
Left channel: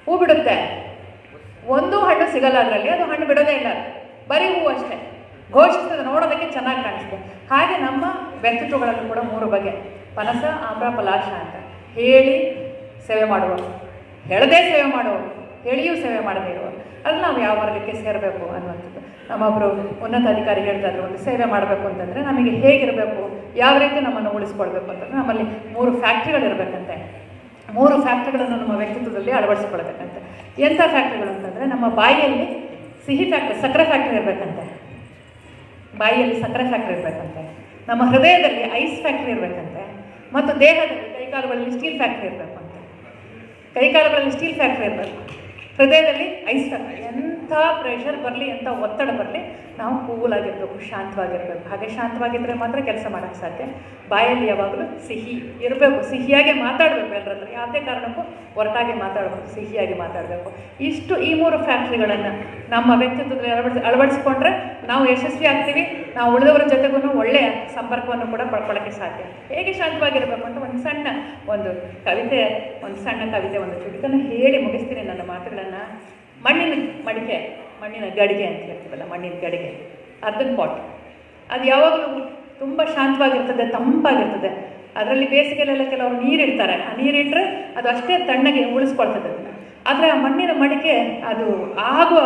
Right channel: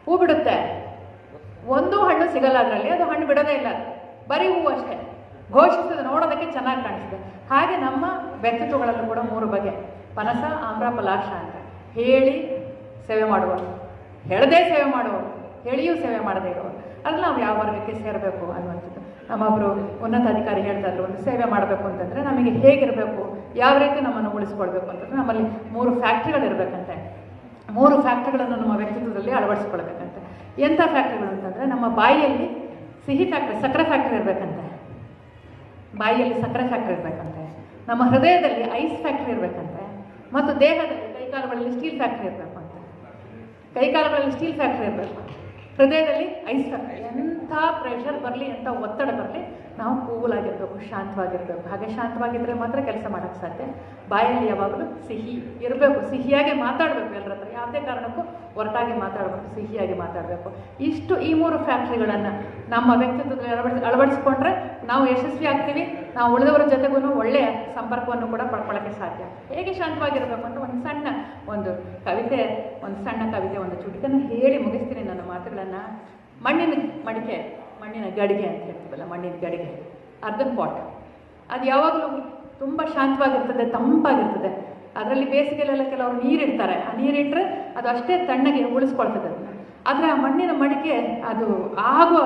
ಹೂ ಬಿಡುತ್ತೆ, ಒಂದು ಹಣ್ಣು ಸಿಗಲ್ಲ ಅದರಲ್ಲಿ, ಅದು ಹಣ್ಣು ಬಿಡೋದೇ ಇಲ್ಲ, ಬರೀ ಹೂವು ಅಷ್ಟೇ. ಘೋಷಿಸ್ತದೆ, ನೋಡೋದಕ್ಕೆ ಚೆನ್ನಾಗಿ ಕಾಣಿಸ್ತದೆ. ಹಾಗೆ ನಮ್ಮ ವ್ಯಕ್ತಿತ್ವಗಳಲ್ಲೂ ಕೂಡ 3 ಬಗೆ: ಪನಸ, ಆಮ್ರ, ಪಲಾಶ ಅಂತ. ಹೇಳಿ ಸೇವೆ ಮಾಡುವವರು, ಹೇಳದೇ ಸೇವೆ ಮಾಡುವವರು, ಹೇಳಿಯೂ ಸೇವೆ ಮಾಡದೇ ಇರುವವರು. ಅಲ್ಲಿ ನಾವು ಯಾವ ವರ್ಗಕ್ಕೆ ಸೇರಬೇಕು ಅನ್ನುವಂಥದ್ದು. ನಮ್ಮೊಬ್ಬರು ಉನ್ನತ ಅಧಿಕಾರಿ ಹೇಳ್ತಾ ಇದ್ರು, ಒಂದು ಸೇವೆ ಮಾಡಬೇಕು ಅಂತಂದರೆ ನಮಗೆ ಹೇಗಿರಬೇಕು, ಯಾವ ರೀತಿ ನಮ್ಮನ್ನು ಉಳಿಸ್ಕೊಳ್ಬೇಕು ಅಂತಂದರೆ ನಮ್ಮಲ್ಲಿ 3 ಫ್ಯಾಕ್ಟ್ರಿಗಳಿರಬೇಕಂತೆ. 3 ಫ್ಯಾಕ್ಟ್ರಿಗಳನ್ನು ನಮ್ಮ ವ್ಯಕ್ತಿತ್ವದಲ್ಲಿ ಅಳವಡಿಸ್ಕೊಳ್ಬೇಕಂತೆ. ಎಂಥ ಫ್ಯಾಕ್ಟ್ರಿಗಳು ಅಂತಂದರೆ, ನಮ್ಮ ಬಾಯಿಯಲ್ಲಿ ಸಿಹಿ ಫ್ಯಾಕ್ಟ್ರಿ, ಸಕ್ಕರೆ ಫ್ಯಾಕ್ಟ್ರಿ ಇರಬೇಕಂತೆ. ಬಾಯಿಯಲ್ಲಿ ಸಕ್ಕರೆ ಫ್ಯಾಕ್ಟ್ರಿ ಇರಬೇಕಂತೆ. ನಮ್ಮ ಹೃದಯದಲ್ಲಿ ಐಸ್ ಫ್ಯಾಕ್ಟ್ರಿ ಇರಬೇಕಂತೆ. ಮತ್ತು ದೇಹದಲ್ಲಿ ಕೈಕಾಲುಗಳಲ್ಲಿ ಸ್ಟೀಲ್ ಫ್ಯಾಕ್ಟ್ರಿ ಇರಬೇಕಂತೆ. ಕೈಕಾಲುಗಳಲ್ಲಿ ಸ್ಟೀಲ್ ಫ್ಯಾಕ್ಟ್ರಿ ಇರಬೇಕು, ಹೃದಯದಲ್ಲಿ ಐಸ್ ಫ್ಯಾಕ್ಟ್ರಿ. ಎಂಥ ಪ್ರೆಷರ್ ಬರಲಿ, ಎಂಥ ಒತ್ತಡ ಬರಲಿ, ನಾವು ಕೂಲಾಗಿರಬೇಕು, ಶಾಂತವಾಗಿರಬೇಕು. ಹಾಗೆ ಶಾಂತವಾಗಿದ್ದರೆ ಮಾತ್ರ ಕೆಲಸ ಮಾಡೋಕ್ಕೆ ಸಾಧ್ಯ. ಬಾಯಲ್ಲಿ ಯಾವಾಗಲೂ ಸಿಹಿ ಇರಬೇಕು, ಸಿಹಿಯಾಗಿ ಮಾತಾಡಬೇಕು. ಎಲ್ಲರ ಹತ್ರ ಯಾವುದೇ ಕಾರಣಕ್ಕೂ ಹೊರಟಾಗಿ ಮಾತಾಡಬೇಕು, ಸಿಹಿಯಾಗಿ ಮಾತಾಡಬೇಕು. ಇಷ್ಟು ಈ 3 ಫ್ಯಾಕ್ಟ್ರಿಗಳನ್ನು ನಮ್ಮ ವ್ಯಕ್ತಿತ್ವದಲ್ಲಿ ಅಳವಡಿಸಿಕೊಂಡ್ರೆ ನಾವು ಯಶಸ್ವಿ ಆಗ್ತೀವಿ. ನಾವು ಉಳಿದವರ ಜೊತೆಗೂ ಒಳ್ಳೆಯ ಸಂಪರ್ಕವನ್ನು ಕೂಡ ಪಡ್ಕೊಳ್ಳೋಕ್ಕೆ ಸಾಧ್ಯ. ಹೇಗೆ ಶಾಂತವಾಗಿರಬೇಕು ಅಂತ ಒಂದು ಸಣ್ಣ ಕವಿತೆ, ಒಂದು ಸಣ್ಣ ಕವಿತೆ, ಒಂದು ಚುಟುಕನ್ನು ಹೇಳಿ ಮುಗಿಸ್ತೀನಿ ನನ್ನ ಮಾತುಗಳನ್ನು. ಮಣ್ಣಿನ ಮಡಿಕೆ, ಮಣ್ಣಿನ ಗಡಿಗೆ ಅಂತ ಹೇಳ್ತೀವಲ್ಲ, ಮಣ್ಣಿನ ಗಡಿಗೆ, ಅರ್ಧನ್ ಪಾಟ್, ಅದು ಯಾವಾಗಲೂ ತುಂಬ ಶಾಂತವಾಗಿರ್ತದೆ, ತಂಪಾಗಿರ್ತದೆ. ಅದರಲ್ಲಿ ಬೇಸಿಗೆಲೆಲ್ಲ ಕೆಲವರು ನೀರಿಡ್ತಾರೆ, ಆ ನೀರಿಟ್ಟರೆ ಅದು ಅಷ್ಟೇ ತಣ್ಣಗೆ ಉಳಿಸ್ಕೊಳ್ತದೆ ಅದನ್ನು. ಆದರೆ ಆ ಮಣ್ಣಿನ ಮಡಿಕೆ ಅದು ಆಗುವ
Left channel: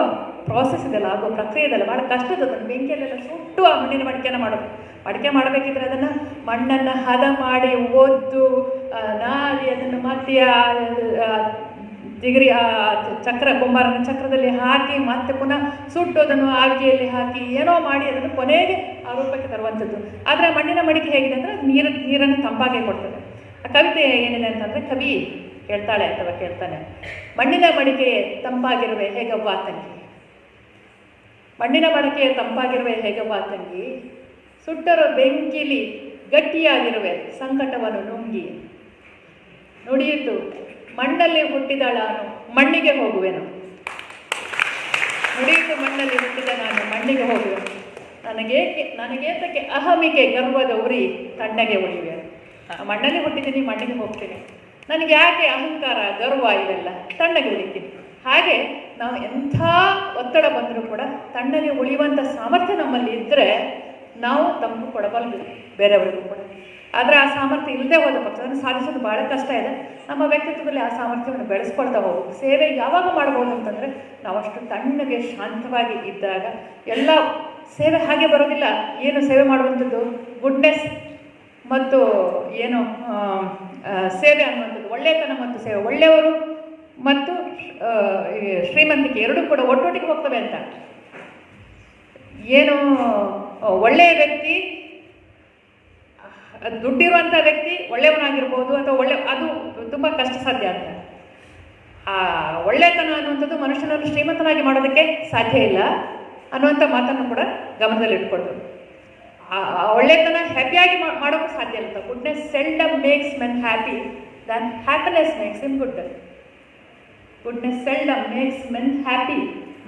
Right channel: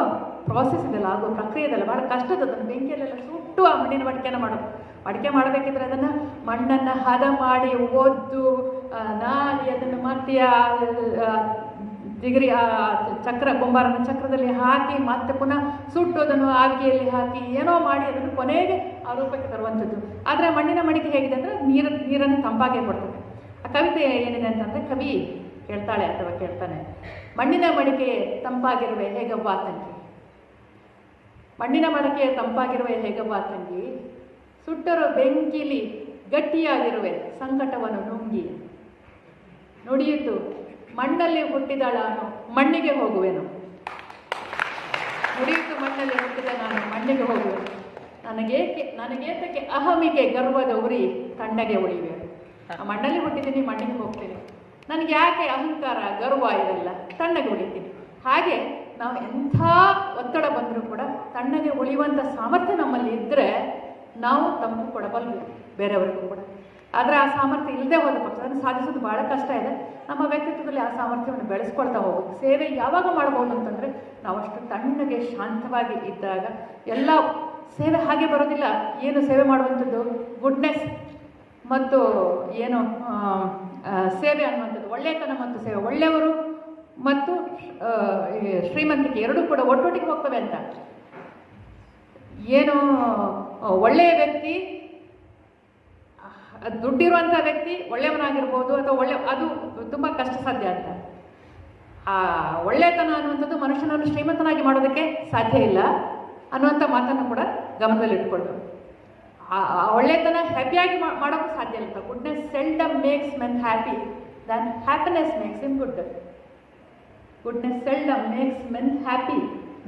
ಪ್ರಾಸೆಸ್ ಇದೆಲ್ಲ, ಆಗುವ ಪ್ರಕ್ರಿಯೆ ಇದೆಲ್ಲ ಭಾಳ ಕಷ್ಟದ. ಅದನ್ನು ಬೆಂಕಿಯಲ್ಲೆಲ್ಲ ಸುಟ್ಟು ಆ ಮಣ್ಣಿನ ಮಡಿಕೆ ಮಾಡಬೇಕಿದ್ರೆ ಅದನ್ನು ಮಣ್ಣನ್ನು ಹದ ಮಾಡಿ ಒದ್ದು ನಾದಿ ಅದನ್ನು ಮತ್ತೆ ಜಿಗರಿ ಚಕ್ರ, ಕುಂಬಾರನ ಚಕ್ರದಲ್ಲಿ ಹಾಕಿ ಮತ್ತೆ ಪುನಃ ಸುಟ್ಟು ಅದನ್ನು ಆಗಿಯಲ್ಲಿ ಹಾಕಿ ಏನೋ ಮಾಡಿ ಅದನ್ನು ಕೊನೆಗೆ ಆ ರೂಪಕ್ಕೆ ತರುವಂಥದ್ದು. ಆದರೆ ಮಣ್ಣಿನ ಮಡಿಕೆ ಹೇಗಿದೆ ಅಂದರೆ ನೀರನ್ನು ತಂಪಾಗಿ ಕೊಡ್ತದೆ. ಆ ಕವಿತೆ ಏನಿದೆ ಅಂತಂದರೆ, ಕವಿ ಹೇಳ್ತಾಳೆ ಅಥವಾ ಕೇಳ್ತಾನೆ, ಮಣ್ಣಿನ ಮಡಿಕೆ ತಂಪಾಗಿರುವೆ ಹೇಗವ್ವ ತಂಗಿ, ಮಣ್ಣಿನ ಮಡಿಕೆ ತಂಪಾಗಿರುವೆ ಹೇಗವ್ವ ತಂಗಿ, ಸುಟ್ಟರೋ ಬೆಂಕಿಲಿ ಗಟ್ಟಿಯಾಗಿರುವೆ ಸಂಕಟವನ್ನು ನುಂಗಿ, ನುಡಿಯಿತು ಮಣ್ಣಲ್ಲಿ ಹುಟ್ಟಿದಳ ಮಣ್ಣಿಗೆ ಹೋಗುವೆನು, ನುಡಿಯಿತು ಮಣ್ಣಲ್ಲಿ ಹುಟ್ಟಿದ ನಾನು ಮಣ್ಣಿಗೆ ಹೋಗುವೆನು, ನನಗೇತಕ್ಕೆ ಅಹಮಿಕೆ ಗರ್ವದ ಉರಿ ತಣ್ಣಗೆ ಉಳಿವೆ. ಮಣ್ಣಲ್ಲಿ ಹುಟ್ಟಿದ್ದೀನಿ, ಮಣ್ಣಿಗೆ ಹೋಗ್ತೀನಿ, ನನಗೆ ಯಾಕೆ ಅಹಂಕಾರ ಗರ್ವ ಇವೆಲ್ಲ, ತಣ್ಣಗೆ ಉಳಿತೀನಿ. ಹಾಗೆ ನಾವು ಎಂಥ ಒತ್ತಡ ಬಂದರೂ ಕೂಡ ತಣ್ಣಗೆ ಉಳಿಯುವಂಥ ಸಾಮರ್ಥ್ಯ ನಮ್ಮಲ್ಲಿ ಇದ್ದರೆ ನಾವು ತಂಪು ಕೊಡಬಲ್ಲು ಬೇರೆಯವರಿಗೂ ಕೂಡ. ಆದರೆ ಆ ಸಾಮರ್ಥ್ಯ ಇಲ್ಲದೆ ಹೋದ ಪಕ್ಷ ಅದನ್ನು ಸಾಧಿಸೋದು ಭಾಳ ಕಷ್ಟ ಇದೆ. ನಮ್ಮ ವ್ಯಕ್ತಿತ್ವದಲ್ಲಿ ಆ ಸಾಮರ್ಥ್ಯವನ್ನು ಬೆಳೆಸ್ಕೊಳ್ತಾ ಹೋಗಬೇಕು. ಸೇವೆ ಯಾವಾಗ ಮಾಡ್ಬೋದು ಅಂತಂದರೆ ನಾವು ಅಷ್ಟು ತಣ್ಣಗೆ ಶಾಂತವಾಗಿ ಇದ್ದಾಗ. ಎಲ್ಲ ಸೇವೆ ಹಾಗೆ ಬರೋದಿಲ್ಲ. ಏನು ಸೇವೆ ಮಾಡುವಂಥದ್ದು ಗುಡ್ನೆಸ್ ಮತ್ತು ಏನು ಸೇವೆ ಅನ್ನುವಂಥದ್ದು, ಒಳ್ಳೆಯತನ ಮತ್ತು ಸೇವೆ, ಒಳ್ಳೆಯವರು ಮತ್ತು ಶ್ರೀಮಂತಿಕೆ ಎರಡೂ ಕೂಡ ಒಟ್ಟೊಟ್ಟಿಗೆ ಹೋಗ್ತವೆ ಅಂತ. ಏನು ಒಳ್ಳೆಯ ವ್ಯಕ್ತಿ, ದುಡ್ಡಿರುವಂಥ ವ್ಯಕ್ತಿ ಒಳ್ಳೆಯವನಾಗಿರ್ಬೋದು ಅಥವಾ ಅದು ತುಂಬ ಕಷ್ಟ ಸಾಧ್ಯ ಅಂತ. ಆ ಒಳ್ಳೆಯತನ ಅನ್ನುವಂಥದ್ದು ಮನುಷ್ಯನನ್ನು ಶ್ರೀಮಂತನಾಗಿ ಮಾಡೋದಕ್ಕೆ ಸಾಧ್ಯ ಇಲ್ಲ ಅನ್ನುವಂಥ ಮಾತನ್ನು ಕೂಡ ಗಮನದಲ್ಲಿ ಇಟ್ಕೊಳ್ಬೇಕು. ಆ ಒಳ್ಳೆಯತನ ಹ್ಯಾಪಿಯಾಗಿ ಮಾಡೋಕ್ಕೆ ಸಾಧ್ಯ ಇಲ್ಲ. Goodness seldom makes men happy than happiness makes him good. Goodness seldom makes men happy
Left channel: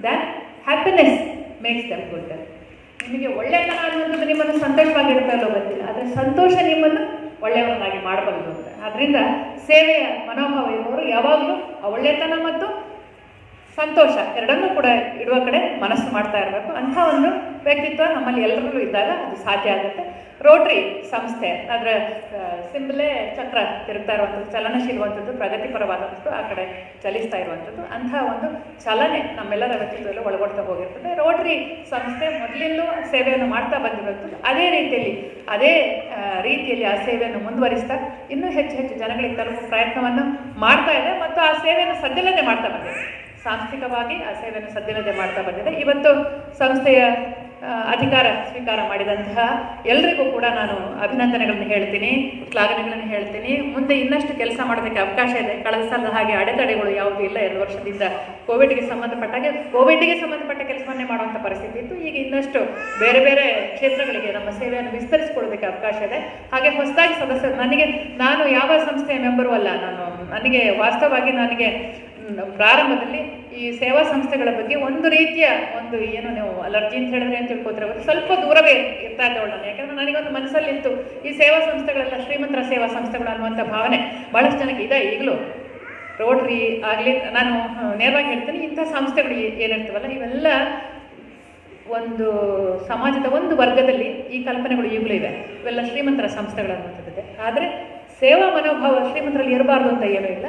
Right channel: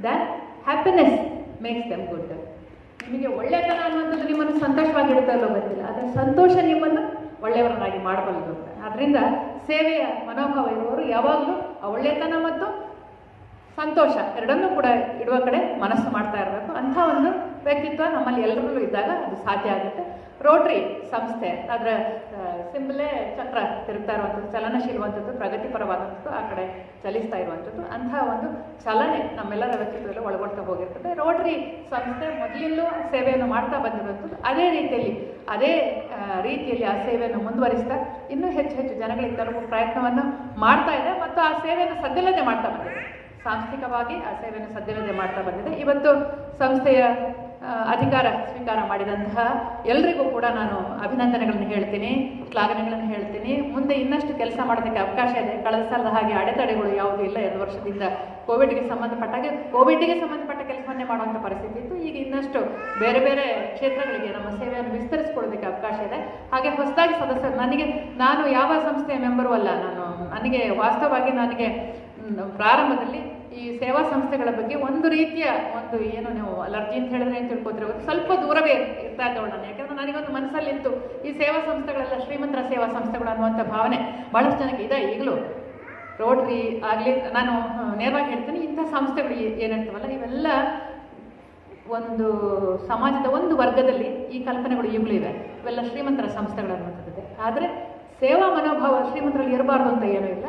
than happiness makes them good. ನಿಮಗೆ ಒಳ್ಳೆಯತನ ಅನ್ನೋದು ನಿಮ್ಮನ್ನು ಸಂತೋಷವಾಗಿರುತ್ತಲ್ಲೋ ಗೊತ್ತಿಲ್ಲ, ಆದರೆ ಸಂತೋಷ ನಿಮ್ಮನ್ನು ಒಳ್ಳೆಯವರನ್ನಾಗಿ ಮಾಡಬಲ್ಲದು ಅಂತ. ಆದ್ದರಿಂದ ಸೇವೆಯ ಮನೋಭಾವ ಇರುವವರು ಯಾವಾಗಲೂ ಆ ಒಳ್ಳೆಯತನ ಮತ್ತು ಸಂತೋಷ ಎರಡನ್ನೂ ಕೂಡ ಇಡುವ ಕಡೆ ಮನಸ್ಸು ಮಾಡ್ತಾ ಇರಬೇಕು. ಅಂಥ ಒಂದು ವ್ಯಕ್ತಿತ್ವ ನಮ್ಮಲ್ಲಿ ಎಲ್ಲರಿಗೂ ಇದ್ದಾಗ ಅದು ಸಾಧ್ಯ ಆಗುತ್ತೆ. ರೋಟ್ರಿ ಸಂಸ್ಥೆ ಅದರ ಸಿಂಬಲೇ ಚಕ್ರ ತಿರುಗ್ತಾ ಇರುವಂಥದ್ದು, ಚಲನಶೀಲವಂಥದ್ದು, ಪ್ರಗತಿಪರವಾದಂಥದ್ದು, ಆ ಕಡೆ ಚಲಿಸ್ತಾ ಇರುವಂಥದ್ದು. ಅಂಥ ಒಂದು ಚಲನೆ ನಮ್ಮೆಲ್ಲರ ವ್ಯಕ್ತಿತ್ವದಲ್ಲಿ ಒಳಗೊಳ್ತಾ ಹೋಗಿರ್ತದೆ. ರೋಟ್ರಿ ಸಂಸ್ಥೆ ಮೊದಲಿಂದಲೂ ಸೇವೆಯನ್ನು ಮಾಡ್ತಾ ಬಂದಿರುವಂಥದ್ದು. ಅದೇ ರೀತಿಯಲ್ಲಿ ಆ ಸೇವೆಯನ್ನು ಮುಂದುವರಿಸ್ತಾ ಇನ್ನೂ ಹೆಚ್ಚು ಜನಗಳಿಗೆ ತಲುಪುವ ಪ್ರಯತ್ನವನ್ನು ಮಾಡ್ತಾ ಇದೆ ಮತ್ತು ಆ ಸೇವೆಯನ್ನು ಸದ್ದಿಲ್ಲದೆ ಮಾಡ್ತಾ ಬಂದಿದೆ. ಸಾಂಸ್ಥಿಕವಾಗಿ ಆ ಸೇವೆಯನ್ನು ಸದ್ದಿಲ್ಲದೆ ಮಾಡ್ತಾ ಬಂದಿದೆ. ಇವತ್ತು ಸಂಸ್ಥೆಯ ಅಧಿಕಾರ ಸ್ವೀಕಾರ ಮಾಡಿದಂತಹ ಎಲ್ಲರಿಗೂ ಕೂಡ ನಾನು ಅಭಿನಂದನೆಗಳನ್ನು ಹೇಳ್ತೀನಿ, ಶ್ಲಾಘನೆಗಳನ್ನು ಹೇಳ್ತೀನಿ. ಮುಂದೆ ಇನ್ನಷ್ಟು ಕೆಲಸ ಮಾಡೋದಕ್ಕೆ ಅವಕಾಶ ಇದೆ. ಕಳೆದ ಸಲ ಹಾಗೆ ಅಡೆತಡೆಗಳು ಯಾವುದೂ ಇಲ್ಲ. 2 ವರ್ಷದಿಂದ ಕೋವಿಡ್ಗೆ ಸಂಬಂಧಪಟ್ಟ ಕೆಲಸವನ್ನೇ ಮಾಡುವಂಥ ಪರಿಸ್ಥಿತಿ ಇತ್ತು. ಈಗ ಇನ್ನಷ್ಟು ಬೇರೆ ಬೇರೆ ಕ್ಷೇತ್ರಗಳಿಗೆ ನಮ್ಮ ಸೇವೆಯನ್ನು ವಿಸ್ತರಿಸಿಕೊಳ್ಳೋದಕ್ಕೆ ಅವಕಾಶ ಇದೆ. ಹಾಗೆ ಹೊಸದಾಗಿ ಸದಸ್ಯರು ನಾನು ಯಾವ ಸಂಸ್ಥೆಯ ಮೆಂಬರು ಅಲ್ಲ. ನನಗೆ ವಾಸ್ತವವಾಗಿ ಪ್ರಾರಂಭದಲ್ಲಿ ಈ ಸೇವಾ ಸಂಸ್ಥೆಗಳ ಬಗ್ಗೆ ಒಂದು ರೀತಿಯ ಏನು ನೀವು ಅಲರ್ಜಿ ಅಂತ ಹೇಳಿದ್ರೆ ಅಂತ ತಿಳ್ಕೊತಾರೆ, ಸ್ವಲ್ಪ ದೂರವೇ ಇರ್ತಾ ಇದ್ದವಳು ನಾನು. ಯಾಕಂದ್ರೆ ನನಗೊಂದು ಮನಸ್ಸಲ್ಲಿತ್ತು ಈ ಸೇವಾ ಸಂಸ್ಥೆಗಳೆಲ್ಲ ಶ್ರೀಮಂತರ ಸೇವಾ ಸಂಸ್ಥೆಗಳು ಅನ್ನುವಂಥ ಭಾವನೆ ಭಾಳಷ್ಟು ಜನಕ್ಕೆ ಇದೆ ಈಗಲೂ. ರೋಟ್ರಿ ಆಗಲಿ, ನಾನು ನೇರವಾಗಿ ಹೇಳ್ತೀನಿ, ಇಂಥ ಸಂಸ್ಥೆಗಳು ಏನಿರ್ತವಲ್ಲ ಇವೆಲ್ಲ ಒಂದು ಸಮಾಜದ ಒಂದು ವರ್ಗದಲ್ಲಿ ಈ ಕಲ್ಪನೆಗಳು ಈಗಲೂ ಇವೆ. ಇವೆಲ್ಲ ಶ್ರೀಮಂತರ ಸಂಸ್ಥೆಗಳನ್ನುವಂಥದ್ದಿದೆ. ಆದರೆ ಸೇವಾ ಮನೋಭಾವ ಶ್ರೀಮಂತರಲ್ಲಿ ಇರಬಾರ್ದು ಅಂತ ಏನೂ ಇಲ್ಲ.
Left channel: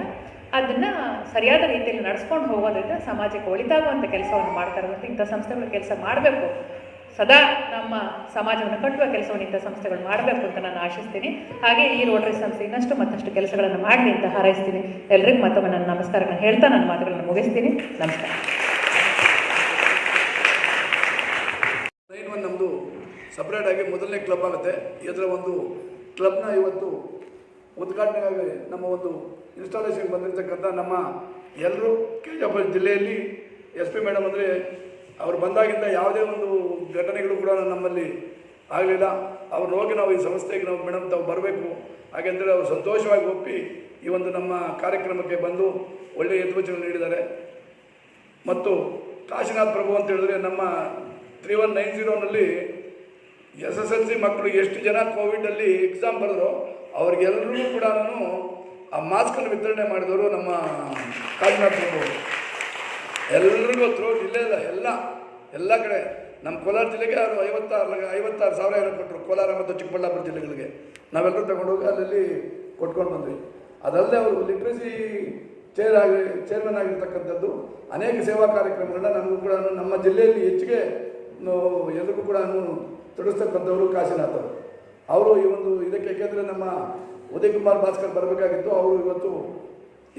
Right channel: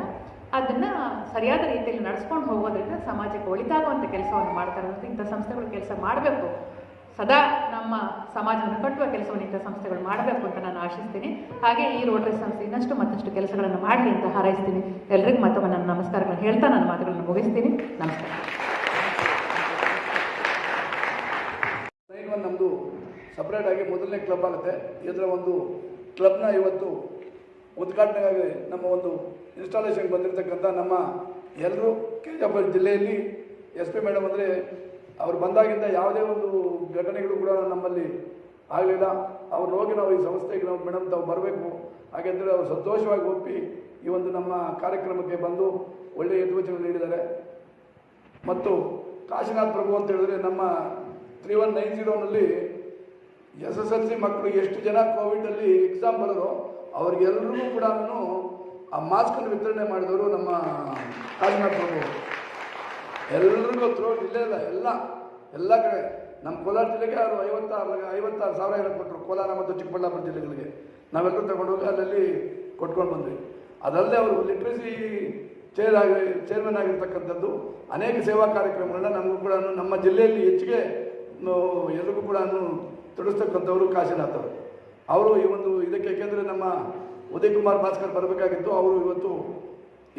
ಅದನ್ನು ಸರಿಯಾದ ರೀತಿಯಲ್ಲಿ ನಡೆಸ್ಕೊಂಡು ಹೋಗೋದ್ರಿಂದ ಸಮಾಜಕ್ಕೆ ಒಳಿತಾಗುವಂಥ ಕೆಲಸವನ್ನು ಮಾಡ್ತಾರೆ. ಮತ್ತು ಇಂಥ ಸಂಸ್ಥೆಗಳು ಕೆಲಸ ಮಾಡಬೇಕು, ಸದಾ ನಮ್ಮ ಸಮಾಜವನ್ನು ಕಟ್ಟುವ ಕೆಲಸವನ್ನು ಇಂಥ ಸಂಸ್ಥೆಗಳು ಮಾಡಬೇಕು ಅಂತ ನಾನು ಆಶಿಸ್ತೀನಿ. ಹಾಗೆ ಈ ರೋಟರಿ ಸಂಸ್ಥೆ ಇನ್ನಷ್ಟು ಮತ್ತಷ್ಟು ಕೆಲಸಗಳನ್ನು ಮಾಡಲಿ ಅಂತ ಹಾರೈಸ್ತೀನಿ. ಎಲ್ರಿಗೂ ಮತ್ತೊಮ್ಮೆ ನನ್ನ ನಮಸ್ಕಾರಗಳನ್ನು ಹೇಳ್ತಾ ನನ್ನ ಮಾತುಗಳನ್ನು ಮುಗಿಸ್ತೀನಿ. ನಮಸ್ಕಾರ. ನಮ್ಮದು ಸಪ್ರೇಟಾಗಿ ಮೊದಲನೇ ಕ್ಲಬ್ ಆಗುತ್ತೆ. ಇದರ ಒಂದು ಕ್ಲಬ್ನ ಇವತ್ತು ಉದ್ಘಾಟನೆಗಾಗಿ ನಮ್ಮ ಒಂದು ಇನ್ಸ್ಟಾಲೇಷನ್ಗೆ ಬಂದಿರತಕ್ಕಂಥ ನಮ್ಮ ಎಲ್ಲರೂ KGF ಜಿಲ್ಲೆಯಲ್ಲಿ SP ಮೇಡಮ್ ಅಂದರೆ ಅವ್ರು ಬಂದಾಗಿಂದ ಯಾವುದೇ ಒಂದು ಘಟನೆಗಳು ಕೂಡ ನಮ್ಮಲ್ಲಿ ಆಗಲಿಲ್ಲ. ಅವ್ರು ಹೋಗಿ ನಾವು ಈ ಸಂಸ್ಥೆಗೆ ನಾವು ಮೇಡಮ್ ತಾವು ಬರಬೇಕು ಹಾಗೆಂದರೆ ಅವರು ಸಂತೋಷವಾಗಿ ಒಪ್ಪಿ ಈ ಒಂದು ನಮ್ಮ ಕಾರ್ಯಕ್ರಮಕ್ಕೆ ಬಂದು ಒಳ್ಳೆಯ ಯಥೋಚನೆ ನೀಡಿದ್ದಾರೆ. ಮತ್ತು ಕಾಶಿನಾಥ್ ಪ್ರಭು ಅಂತ ಹೇಳಿದ್ರೆ ನಮ್ಮ 3190ನಲ್ಲಿ SSLC ಮಕ್ಕಳು ಎಷ್ಟು ಜನ ಕೋವಿಡಲ್ಲಿ ಎಕ್ಸಾಮ್ ಬರೆದ್ರು ಅವ್ರಿಗೆಲ್ಲರೂ ಕೂಡ ಆ ಮಾಸ್ಕನ್ನು ವಿತರಣೆ ಮಾಡಿದವರು ನಮ್ಮ ಕಾಶಿನಾಥ್ ಪ್ರಭು. ಎಲ್ಲರಿಗೂ ಥ್ರೂ ಜಿಲ್ಲೆ ಎಲ್ಲ ಕಡೆ ನಮ್ಮ ಕೋಲಾರ ಜಿಲ್ಲೆಗೆ 56,000 ಕೊಟ್ಟರು. ಕೋಲಾರ ಮತ್ತು ಚಿಕ್ಕಬಳ್ಳಾಪುರ ಜಿಲ್ಲೆಗಳಿಗೆ ನಾವೆಲ್ಲರೂ ತಗೊಂಡೋಗಿ ಅಲ್ಲಲ್ಲಿ ಕೊಟ್ಕೊಂಡು ಬಂದ್ವಿ. ಅದಲ್ಲದೆ ಅವರು ಲಿಟ್ರಸಿ ಚೇರ್ಮನ್ ಆಗಿರ್ತಕ್ಕಂಥದ್ದು ಅನೇಕ ಸೇವಾ ಕಾರ್ಯಕ್ರಮಗಳನ್ನ ನಮಗೂ ಕೂಡ ನಮ್ಮ ಜಿಲ್ಲೆಯಲ್ಲಿ ಹೆಚ್ಚಿಗೆ ಎಲ್ರಿಗೂ ಕೂಡ ತೊಡಗಿಸ್ತಕ್ಕಂಥವರು ಕಾಶಿನಾಥ್ ಅವರು ಈ ಒಂದು ಇದಕ್ಕೆ. ಏಕೆಂದರೆ ನಮ್ಮ ಉದಯ್ ಕುಮಾರ್ ಭಾಸ್ಕರ್ ಬರಬೇಕಾಗಿತ್ತು. ಅವರು ಇವತ್ತು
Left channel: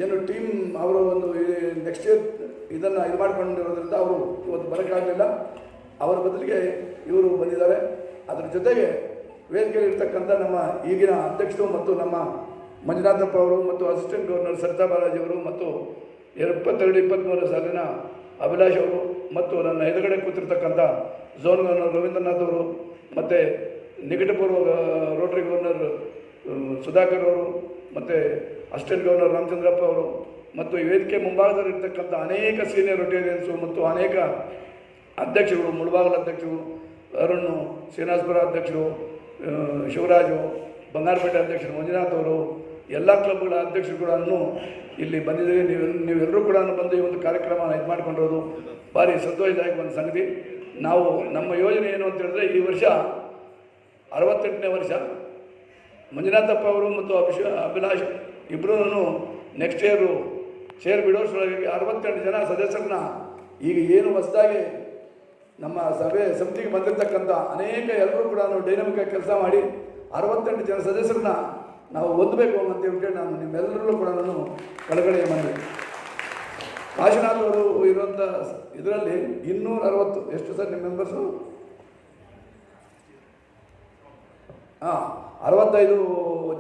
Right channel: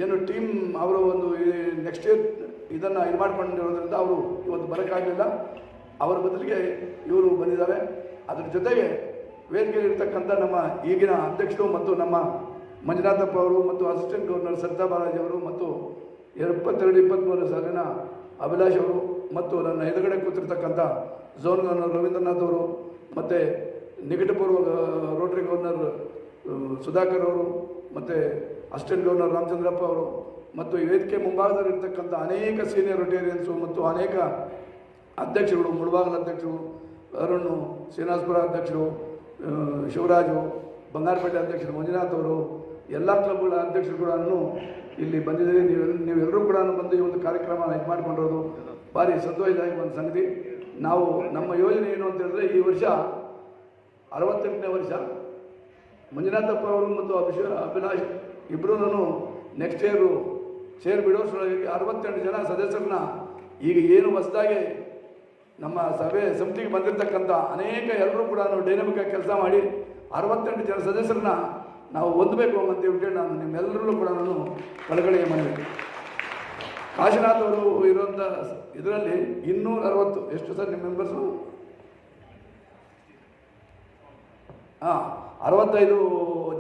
ಏನು ಟೀಮ್ ಅವರು ಒಂದು ನೆಕ್ಸ್ಟ್ ಇಯರ್ ಇದನ್ನು ಇದು ಮಾಡ್ಕೊಂಡಿರೋದ್ರಿಂದ ಅವರು ಇವತ್ತು ಬರೋಕ್ಕಾಗಲಿಲ್ಲ. ಅವರ ಬದಲಿಗೆ ಇವರು ಬಂದಿದ್ದಾರೆ. ಅದರ ಜೊತೆಗೆ ವೇದಿಕೆಯಲ್ಲಿರ್ತಕ್ಕಂಥ ನಮ್ಮ ಈಗಿನ ಅಧ್ಯಕ್ಷರು ಮತ್ತು ನಮ್ಮ ಮಂಜುನಾಥಪ್ಪ ಅವರು ಮತ್ತು ಅಸಿಸ್ಟೆಂಟ್ ಗವರ್ನರ್ ಸರಿತಾ ಬಾಲಾಜಿ ಅವರು ಮತ್ತು 22-23 ಸಾಲಿನ ಅಭಿಲಾಷ್ ಅವರು ಮತ್ತು ನನ್ನ ಎದುರುಗಡೆ ಕೂತಿರ್ತಕ್ಕಂಥ ಝೋನ್ ಗವರ್ನರ್ ರವೀಂದ್ರನಾಥ್ ಅವರು ಮತ್ತು ನಿಕಟಪೂರ್ವ ರೋಟರಿ ಗವರ್ನರ್ ಸುಧಾಕರ್ ಅವರು ಮತ್ತು ಅಸಿಸ್ಟೆಂಟ್ ಗವರ್ನರ್ ರಾಮಚಂದ್ರಪ್ಪ ಅವರು ಮತ್ತು ಈ ವೇದಿಕೆ ಮುಂಭಾಗದಲ್ಲಿರ್ತಕ್ಕಂಥ ಅನೇಕ ಸೀನಿಯರ್ ರೊಟೇರಿಯನ್ಸು ಮತ್ತು ಅನೇಕ ಅಧ್ಯಕ್ಷಗಳು, ಮುಳಬಾಗಲ ಅಧ್ಯಕ್ಷರು, ಅರುಣ್ ಶ್ರೀನಿವಾಸಪುರ ಅಧ್ಯಕ್ಷರು, ಶಿವರಾಜು, ಬಂಗಾರಪೇಟೆ ಅಧ್ಯಕ್ಷರು ಮಂಜುನಾಥ್ ಅವರು, ಎಲ್ಲ ಕ್ಲಬ್ಗಳ ಅಧ್ಯಕ್ಷರು ಕೂಡ ಇಲ್ಲಿ ಬಂದಿದ್ದೀವಿ. ನೀವೆಲ್ಲರೂ ಕೂಡ ಬಂದು ಈ ಒಂದು ಕಾರ್ಯಕ್ರಮ ಇದು ಮಾಡಿಕೊಂಡಿರೋದು ಭಾರಿ ಸಂತೋಷದಾಯಕ ಒಂದು ಸಂಗತಿ. ನಾವು ನಮ್ಮ ಯೋಜನೆ ಏನು ಅಂತ ಹೇಳಿದ್ರೆ ಈ ವರ್ಷ 68ನೇ ವರ್ಷ. ಮಂಜುನಾಥಪ್ಪ ಅವರು ಮತ್ತು ಅಭಿಲಾಷ್ ಇಬ್ಬರೂ ನೆಕ್ಸ್ಟ್ ಇಯರು ಶೇರ್ ಬಿಡೋಷ್ಟರೊಳಗೆ 68 ಜನ ಸದಸ್ಯರನ್ನ ಈಗ ಏನು ಹೊಸದಾಗಿ ನಮ್ಮ ಸಮಿತಿಗೆ ಬಂದಿರತಕ್ಕಂಥ ಅನೇಕ ಎಲ್ಲರೂ ಕೂಡ ಡೈನಮಿಕ್ ಆಗಿ ಕೆಲಸ ಮಾಡಿ 68 ಜನ ಸದಸ್ಯರನ್ನ ನಾವು ಹೊಂದಬೇಕು ಅಂತ ಹೇಳ್ಬಿಟ್ಟು ನಾನು ನಿಮ್ಮೆಲ್ಲರೂ ಕೂಡ ಒಳಗಡೆ ಬಂದೆ. ಕಾಶಿನಾಥ್ ಅವರು ಇರುವಂಥ ಇದರಲ್ಲಿ 260 ಎಷ್ಟು ಸರ್ ನಿಮ್ಮ ಮೆಂಬರ್ಸು? 65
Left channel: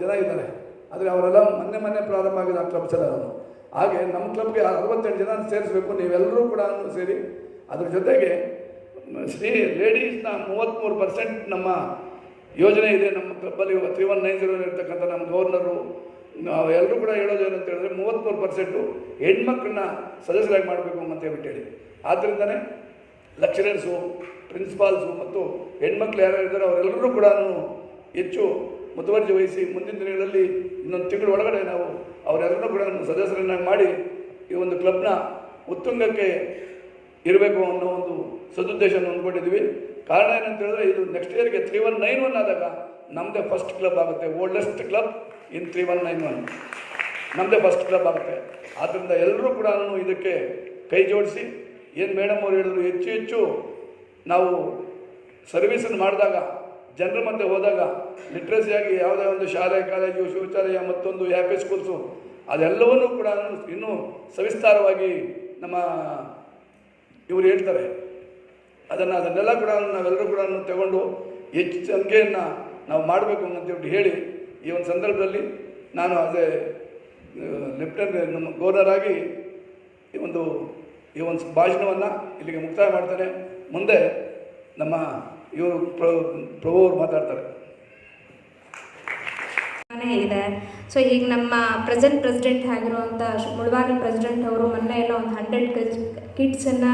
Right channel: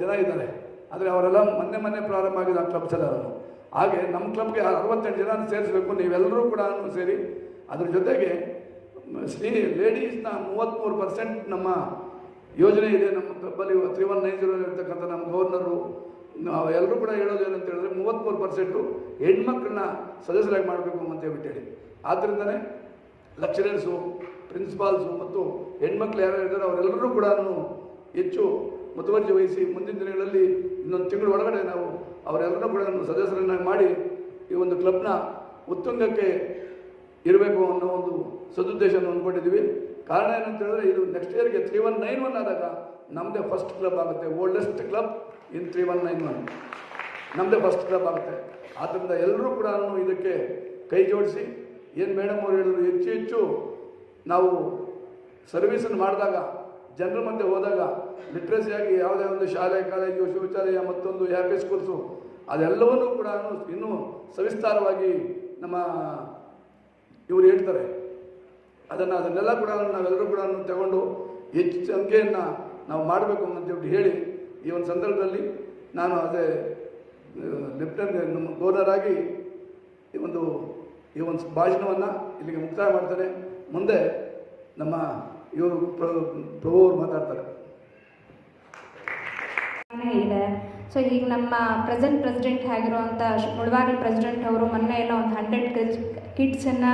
ಜನ ಇದ್ದಾರೆ. ಆದರೆ ಅವರೆಲ್ಲ ಮೊನ್ನೆ ಪ್ರಾರಂಭ ಆಗಿದೆ ಆ ಕ್ಲಬ್ ಚಲಾರರು. ಹಾಗೆ ನಮ್ಮ ಕ್ಲಬ್ಗೆ 68 ಜನ ಸೇರಿಸಬೇಕು. ನೀವೆಲ್ಲರೂ ಕೂಡ ಸೇರಿ ಅದ್ರ ಜೊತೆಗೆ ಲೇಡೀಸ್ನ 33% ನಮ್ಮ ಯೋಜನೆ ಇದೆ. ನಮ್ಮ ಕ್ಲಬ್ಬಲ್ಲಿ 3190 ಇರ್ತಕ್ಕಂಥ ನಮ್ಮ ಗವರ್ನರು ನಾವು ಎಲ್ಲರೂ ಕೂಡ ಹೇಳೋದು ಏನಂತ ಹೇಳಿದ್ರೆ 33% ಹೆಣ್ಮಕ್ಳನ್ನ ಸದಸ್ಯರಾಗಿ ಮಾಡಬೇಕು ಅಂತ ಹೇಳ್ಬಿಟ್ಟು. ಆದ್ದರಿಂದನೇ ಲೆಕ್ಚರರ್ಸು, ಪ್ರಿನ್ಸಿಪಾಲ್ಸು ಮತ್ತು ಹೆಣ್ಮಕ್ಳು ಯಾರು ಇದ್ದಾರೆ ಅವರೆಲ್ಲರೂ ಕೂಡ ಹೆಚ್ಚು ಮುತುವರ್ಜಿ ವಹಿಸಿ ಮುಂದಿನ ದಿನಗಳಲ್ಲಿ ಇನ್ನೊಂದು ತಿಂಗಳ ಒಳಗಡೆ ನಾವು ಅವರೆಲ್ಲರೂ ಕೂಡ ಸದಸ್ಯರನ್ನಾಗಿ ಮಾಡಿ ಈ ಒಂದು ಕ್ಲಬ್ನ ಉತ್ತುಂಗಕ್ಕೆ ಇರಬೇಕು ಅನ್ನೋ ಒಂದು ಸದುದ್ದೇಶವನ್ನು ಅಂದ್ಕೊಂಡಿದ್ದೀವಿ. ಕಾರಣ ಏನಂತ ಹೇಳಿದ್ರೆ ಇದು ನೆಕ್ಸ್ಟ್ ಇಯರ್ಗೆ 3191 ಆದಾಗ ನಮ್ಮದೇ ಫಸ್ಟ್ ಕ್ಲಬ್ ಆಗುತ್ತೆ. ಓಲ್ಡೆಸ್ಟ್ ಕ್ಲಬ್ ಇನ್ 3191 ನಮ್ಮದೇ ಫಸ್ಟ್ ಕ್ಲಬ್ ಆಗುತ್ತೆ. ಆದ್ದರಿಂದ ಎಲ್ಲರೂ ಕೂಡ ಇದಕ್ಕೆ ಕೈ ಜೋಡಿಸಿ ಏನು ಮೇಡಮ್ ಅವರು ಹೇಳಿದ್ರು, ಹೆಚ್ಚು ನಾವು ಸರ್ವಿಸನ್ನು ಮಾಡಿದಾಗ ಜನರ ಮಧ್ಯೆ ಹೋದಾಗ ಲಿಟ್ರಸಿಯಾಗಿ ಯಾವುದೇ ಒಂದು ಶಾಲೆ, ಕಾಲೇಜು, ಶೌಚಾಲಯ ಮತ್ತೊಂದು ಹ್ಯಾಪಿ ಸ್ಕೂಲ್ಸು ಅದೆಲ್ಲವನ್ನೂ ಕೂಡ ಇನ್ನೂ ಸವಿಸ್ತಾರವಾಗಿ ನಮ್ಮ ಇವರು ಹೇಳ್ತಾರೆ. ಅದನ್ನೆಲ್ಲ ಕೂಡ ನಾವೆಲ್ಲರೂ ಕೂಡ ತಗೊಂಡು ಹೆಚ್ಚು ಸಂಖ್ಯೆಯನ್ನು ನಾವು ಮಾಡಬೇಕು ಅಂತೇಳಿ ಹೇಳಿ ಈ ಒಂದು ಸಂದರ್ಭದಲ್ಲಿ ನಾನು ಅದೇ ಲೆಫ್ಟಿನೆಂಟ್ ಗವರ್ನರ್ ಆಗಿ ಈ ಒಂದು ಭಾಷಣವನ್ನು ಇಲ್ಲಿಗೆ ಮುಕ್ತಾಯ ಮಾಡ್ತೇನೆ. ಮುಂದೆ ನಮ್ಮ ಇವರು ಪ್ರಭು ಅವರು ಮಾತಾಡ್ತಾರೆ. ಇದೆ. ಸೊ ಈಗ ನಮ್ಮ ಪ್ರೆಸಿಡೆಂಟ್ ಆಗಿರುವಂಥ ಮುಳಬಾಗಿಲು ಪ್ರೆಸಿಡೆಂಟ್ ಅವರು ಮೊನ್ನೆ ಎಲ್ಲ ಒಂದು 100 ಕಿಡ್ಸನ್ನು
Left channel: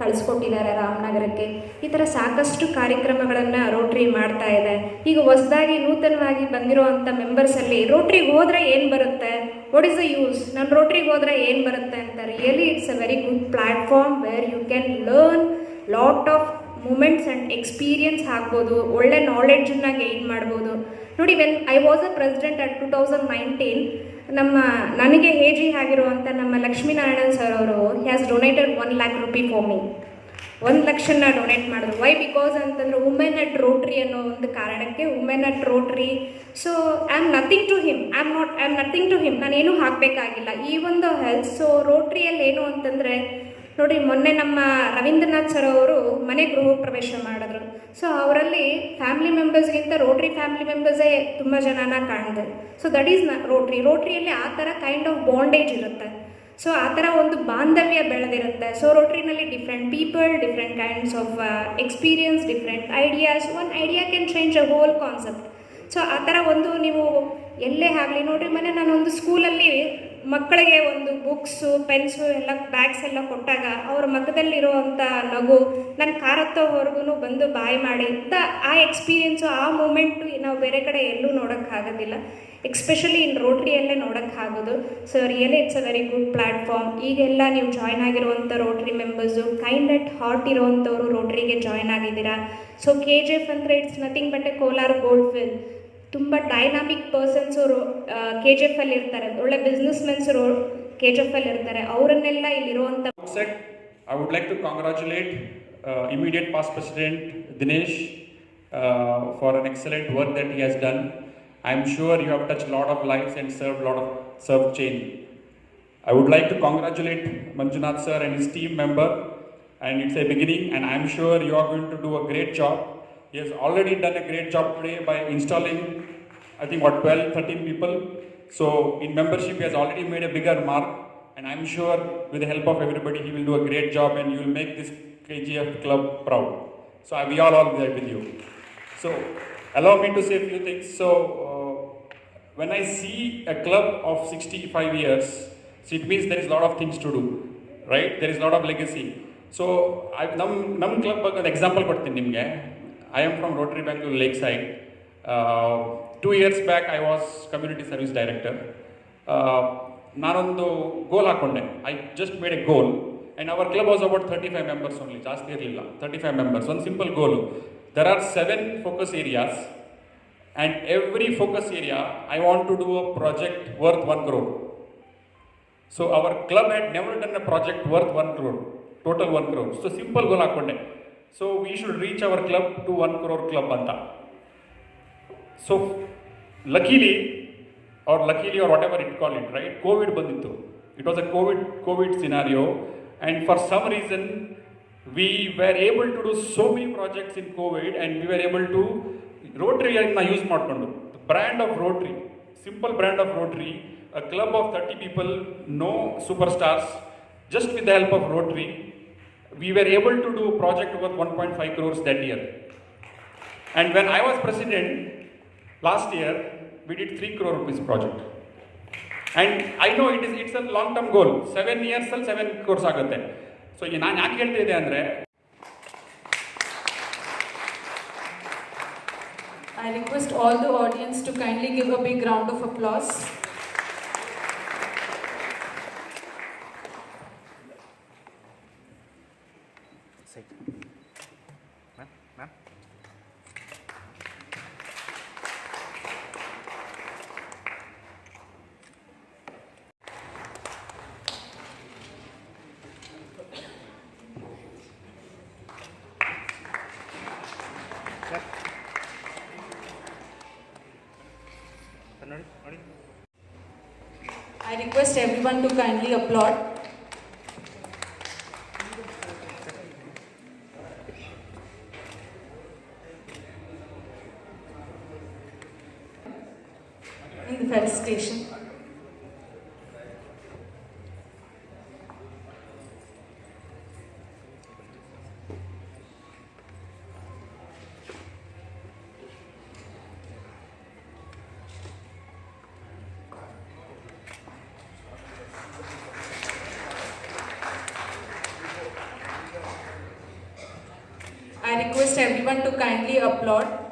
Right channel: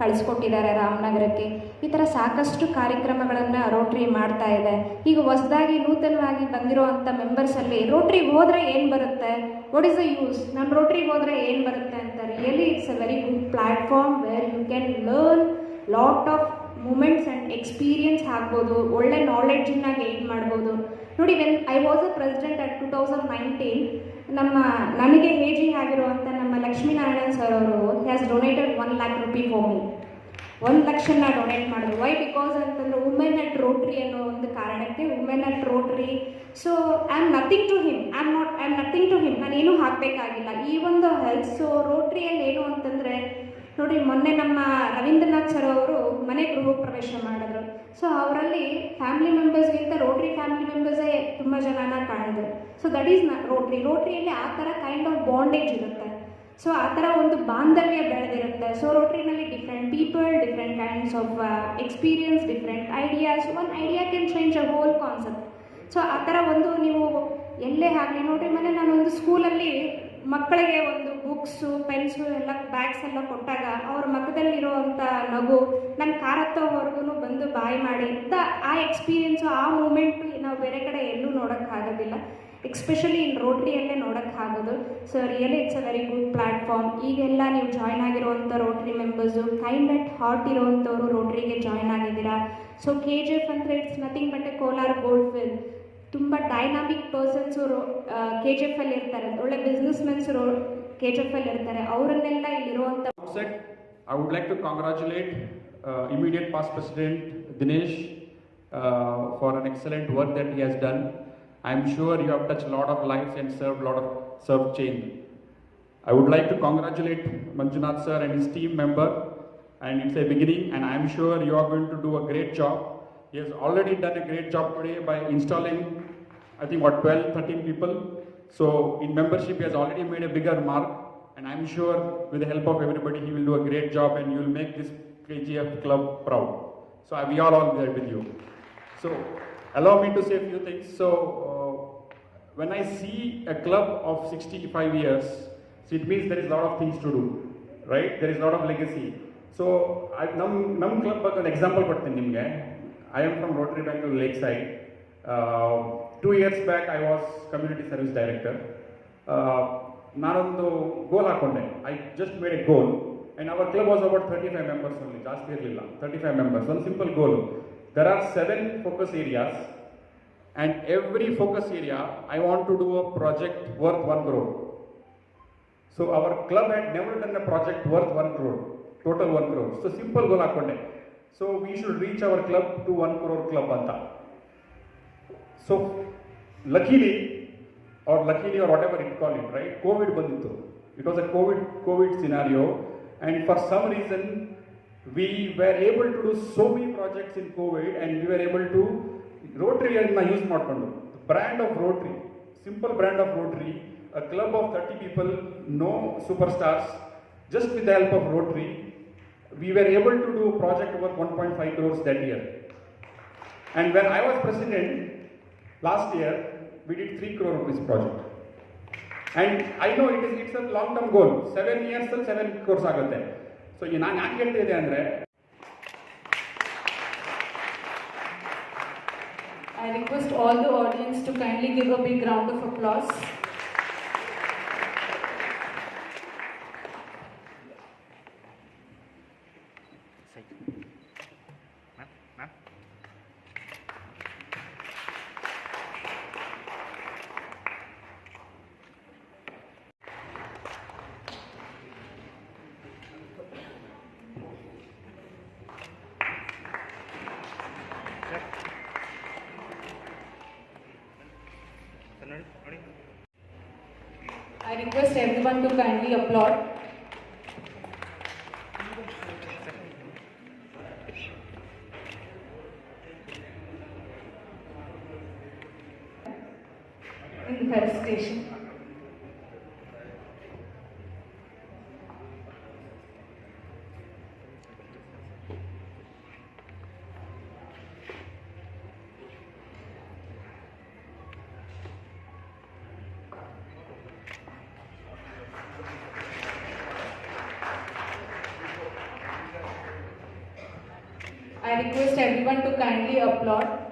ಕಳಿಸ್ಕೊಟ್ಟಿದ್ದಾರೆ ರಾಮನಗರಕ್ಕೆ. ಈ ಥರ ಸಾಕಷ್ಟು ಕಾರ್ಯಕ್ರಮಗಳನ್ನು ರೋಟ್ರಿ ಮಾಡ್ತಾ ಇದೆ. ಈಗ ಹೊಸದಾಗಿ ನೂತನವಾಗಿ ಬಂದಿರುವಂಥ ಮೆಂಬರ್ಸಲ್ಲಿ ರೋಟ್ರಿಗೆ ಹೋದರೆ ಏನು ಬರುತ್ತೆ, ವಾಟ್ ಈಸ್ ದ ಯೂಸ್, ನಮ್ಮ ರೋಟ್ರಿಗೆ ಹೋದರೆ ಏನು ಬರುತ್ತೆ ಅಂತ. Really it's a very good platform where you can learn lot of moments and experience ಆಗ್ಬೋದು, ಒಳ್ಳೆ ನಾಲೆಡ್ಜನ್ನು ಗೇನ್ ಮಾಡ್ಬೋದು. ನೋಡಿ, when I was a president at 2019, ನನಗೆ ಹೇಜಿ ಆಗಿರುವಂಥ ನಮ್ಮ ಲಕ್ಷ್ಮೀನಾರಾಯಣನ್ ಸರ್ ಅವರು has donated 1 lakh rupee for me. 1 ಲಕ್ಷನ ಡೊನೇಟ್ ಮಾಡಿದ್ರು. ವೈ? ಬಿಕಾಸ್ ಅಂತಂದರೆ ವುಮೆನ್ ಅಟ್ ರೋಟ್ರಿ ಅನ್ನೋ ಒಂದು ಕಾರಣಕ್ಕೆ, women at Rotary. So I am nothing to him, I am nothing to him, ನಾನೇನು ಹಾಕಬೇಕಾಗಿಲ್ಲ ಈ ಒಂದು ಹೆಲ್ತ್. ಸೊ ರೋಟ್ರಿಯಲ್ಲಿ ಏನು ಅಂತಂದರೆ ನೋಡಿ, ಮೊನ್ನೆ ನಮ್ಮ ರವೀಂದ್ರನಾಥ್ ಸರ್ ಅವರು ಮನೆ ಗೃಹ ಪ್ರವೇಶ ಮಾಡಿದ್ರು. ಸೊ ಅವರಲ್ಲಿ ಫ್ಯಾಮಿಲಿ ಮೆಂಬರ್ಸ್ಗಿಂತ ರೋಟ್ರಿ ಫ್ಯಾಮಿಲಿ ಮೆಂಬರ್ಸೇ ತುಂಬ ಜನನ ಕಾಣಿದ್ರು. ಸೊ ದಟ್ ಈಸ್ ರೋಟ್ರಿಯಲ್ಲಿ ಆ ಥರ ಕೈಂಡ್ ಆಫ್ ಬಾಂಡೇಜ್ ಇರುತ್ತೆ. ಸೊ ಆ ಥರ ಒಂದು ಬಾಂಧವ್ಯ ಬೆಳೆದಿರುತ್ತೆ. ಸೊ ರೋಟ್ರಿನಲ್ಲಿ different people, different kinds of experience, different ideas. One idea can change a whole concept. So ಆ ಥರ ಒಂದು ನೀವು ಎಲ್ಲೇ ಆಗಲಿ ನೋಡಿರಿ, ಮೊನ್ನೆ ನಾನೊಂದು ಸ್ಕೂಲಲ್ಲಿ ಮಕ್ಕಳಿಗೆ ಒಂದು ಬುಕ್ಸು, ಪೆನ್ಸು ಎಲ್ಲ ಬ್ಯಾಗ್ಸ್ ಎಲ್ಲ ಕೊಟ್ಟಾಗ ಅವ್ರ ಮಖದಲ್ಲಿರುವಂಥ ನಗು ನನ್ನ ಕಾರತ್ತೋವರೆಗೂ ಬಂದು ಬಾಯ್ ಮಾಡಿ ಆ ಎಕ್ಸ್ಪೀರಿಯೆನ್ಸು, ಆ ಮೂಮೆಂಟು ನಾವು ಬೇರೆ ಕಡೆ ಎಲ್ಲೂ ನೋಡೋಕ್ಕಾಗೋದಿಲ್ಲ. ಎಕ್ಸ್ಪೆಷಲಿ ಇನ್ ರೋಟ್ರಿಯಲ್ಲೇ ನೋಡೋಕ್ಕಾಗೋದು. So really it's a very good platform. ಈಗೆಲ್ಲ ನೀವು ಜಾಯ್ನ್ ಆಗಿರುವಂಥ Rotary members kind at heart ಇರುವಂಥವ್ರು ರೋಟ್ರಿಗೆ ಜಾಯ್ನ್ ಆಗಿದ್ದೀರಾ. ಸೊ KGF ಅಂದರೆ it's nothing but a Kolar gold field. ತುಂಬ ಡೈನಾಮಿಕ್ ಪರ್ಸನ್ಸ್ ಅವರು KGF ಅಲ್ಲಿ ಇರ್ತಾರೆ, ಒಳ್ಳೆ ಬಿಸ್ನೆಸ್ ಮೆನ್ಸರು KGF ಅಲ್ಲಿ ಇರ್ತಾರೆ, ಅವರನ್ನೆಲ್ಲ ಇಲ್ಲಿರುವಂಥ. I would like to congratulate immediate past President Dinesh for an excellent work that he has done. I am sure you have touched a lot of lives and served change. I would like to congratulate Manjunath sir and his team member, and it's a beginning, and I am sure you are going to do a great job. He has already done a great job today by installing, I think, 12-13 people. So in membership, he has already made a bigger mark, and I'm sure with the help of everybody, he will do a great job, and you will make this KGF club proud. So we are all there with you. So allow me to say a few things. So when I see a club of 65 years, so it means there is a lot of things to do, right? There is a lot of legacy. So ನಮ್ಮ club ಬಗ್ಗೆ ಒಂದು ಎಕ್ಸಾಂಪಲ್ ಕೊಡ್ತೀನಿ ನಿಮಗೆ. I am from Rotary Bangalore Lakeside. 2 years back I was community service director. ನಾನೊಂದು ಗೋಲ್ ಹಾಕೊಂಡೆ. I just made a goal, and our club was about 35 members only, ಜಾಸ್ತಿ ಇರಲಿಲ್ಲ, 35 members. ಒಂದು simple goal. There are 7 focus areas, and every focus area I want to do a project worth 1 crore. So our club had never done a project worth 1 crore, total 1 crore. So simple goal hakonde. So we should reach our club to 1 crore club anta. So luckily or whatever it call it, right? COVID bandittu. It was a COVID scenario, and for some reason we were able to do so many projects in COVID, and we were able to Rotary anna use ಮಾಡ್ಕೊಂಡು brand of Rotary, simple brand of Rotary, a club of 30 people, no superstars, just with the help of Rotary, we were able to do a project worth 1.5 crores that year. And when I was president last year, we did 3 crore rupees project. And I know it's a long term goal. 7 years ಅಲ್ಲಿ 7 crores ಆಗುತ್ತೆ. ಸೊ ನಾನು ಯಾಕೆ ಹೇಳ್ತಾ ಇದ್ದೆ ಅಂದರೆ, I request all the audience to kindly give a big round of applause. I request everyone to kindly applaud. In the felicitation. I request everyone to kindly applaud.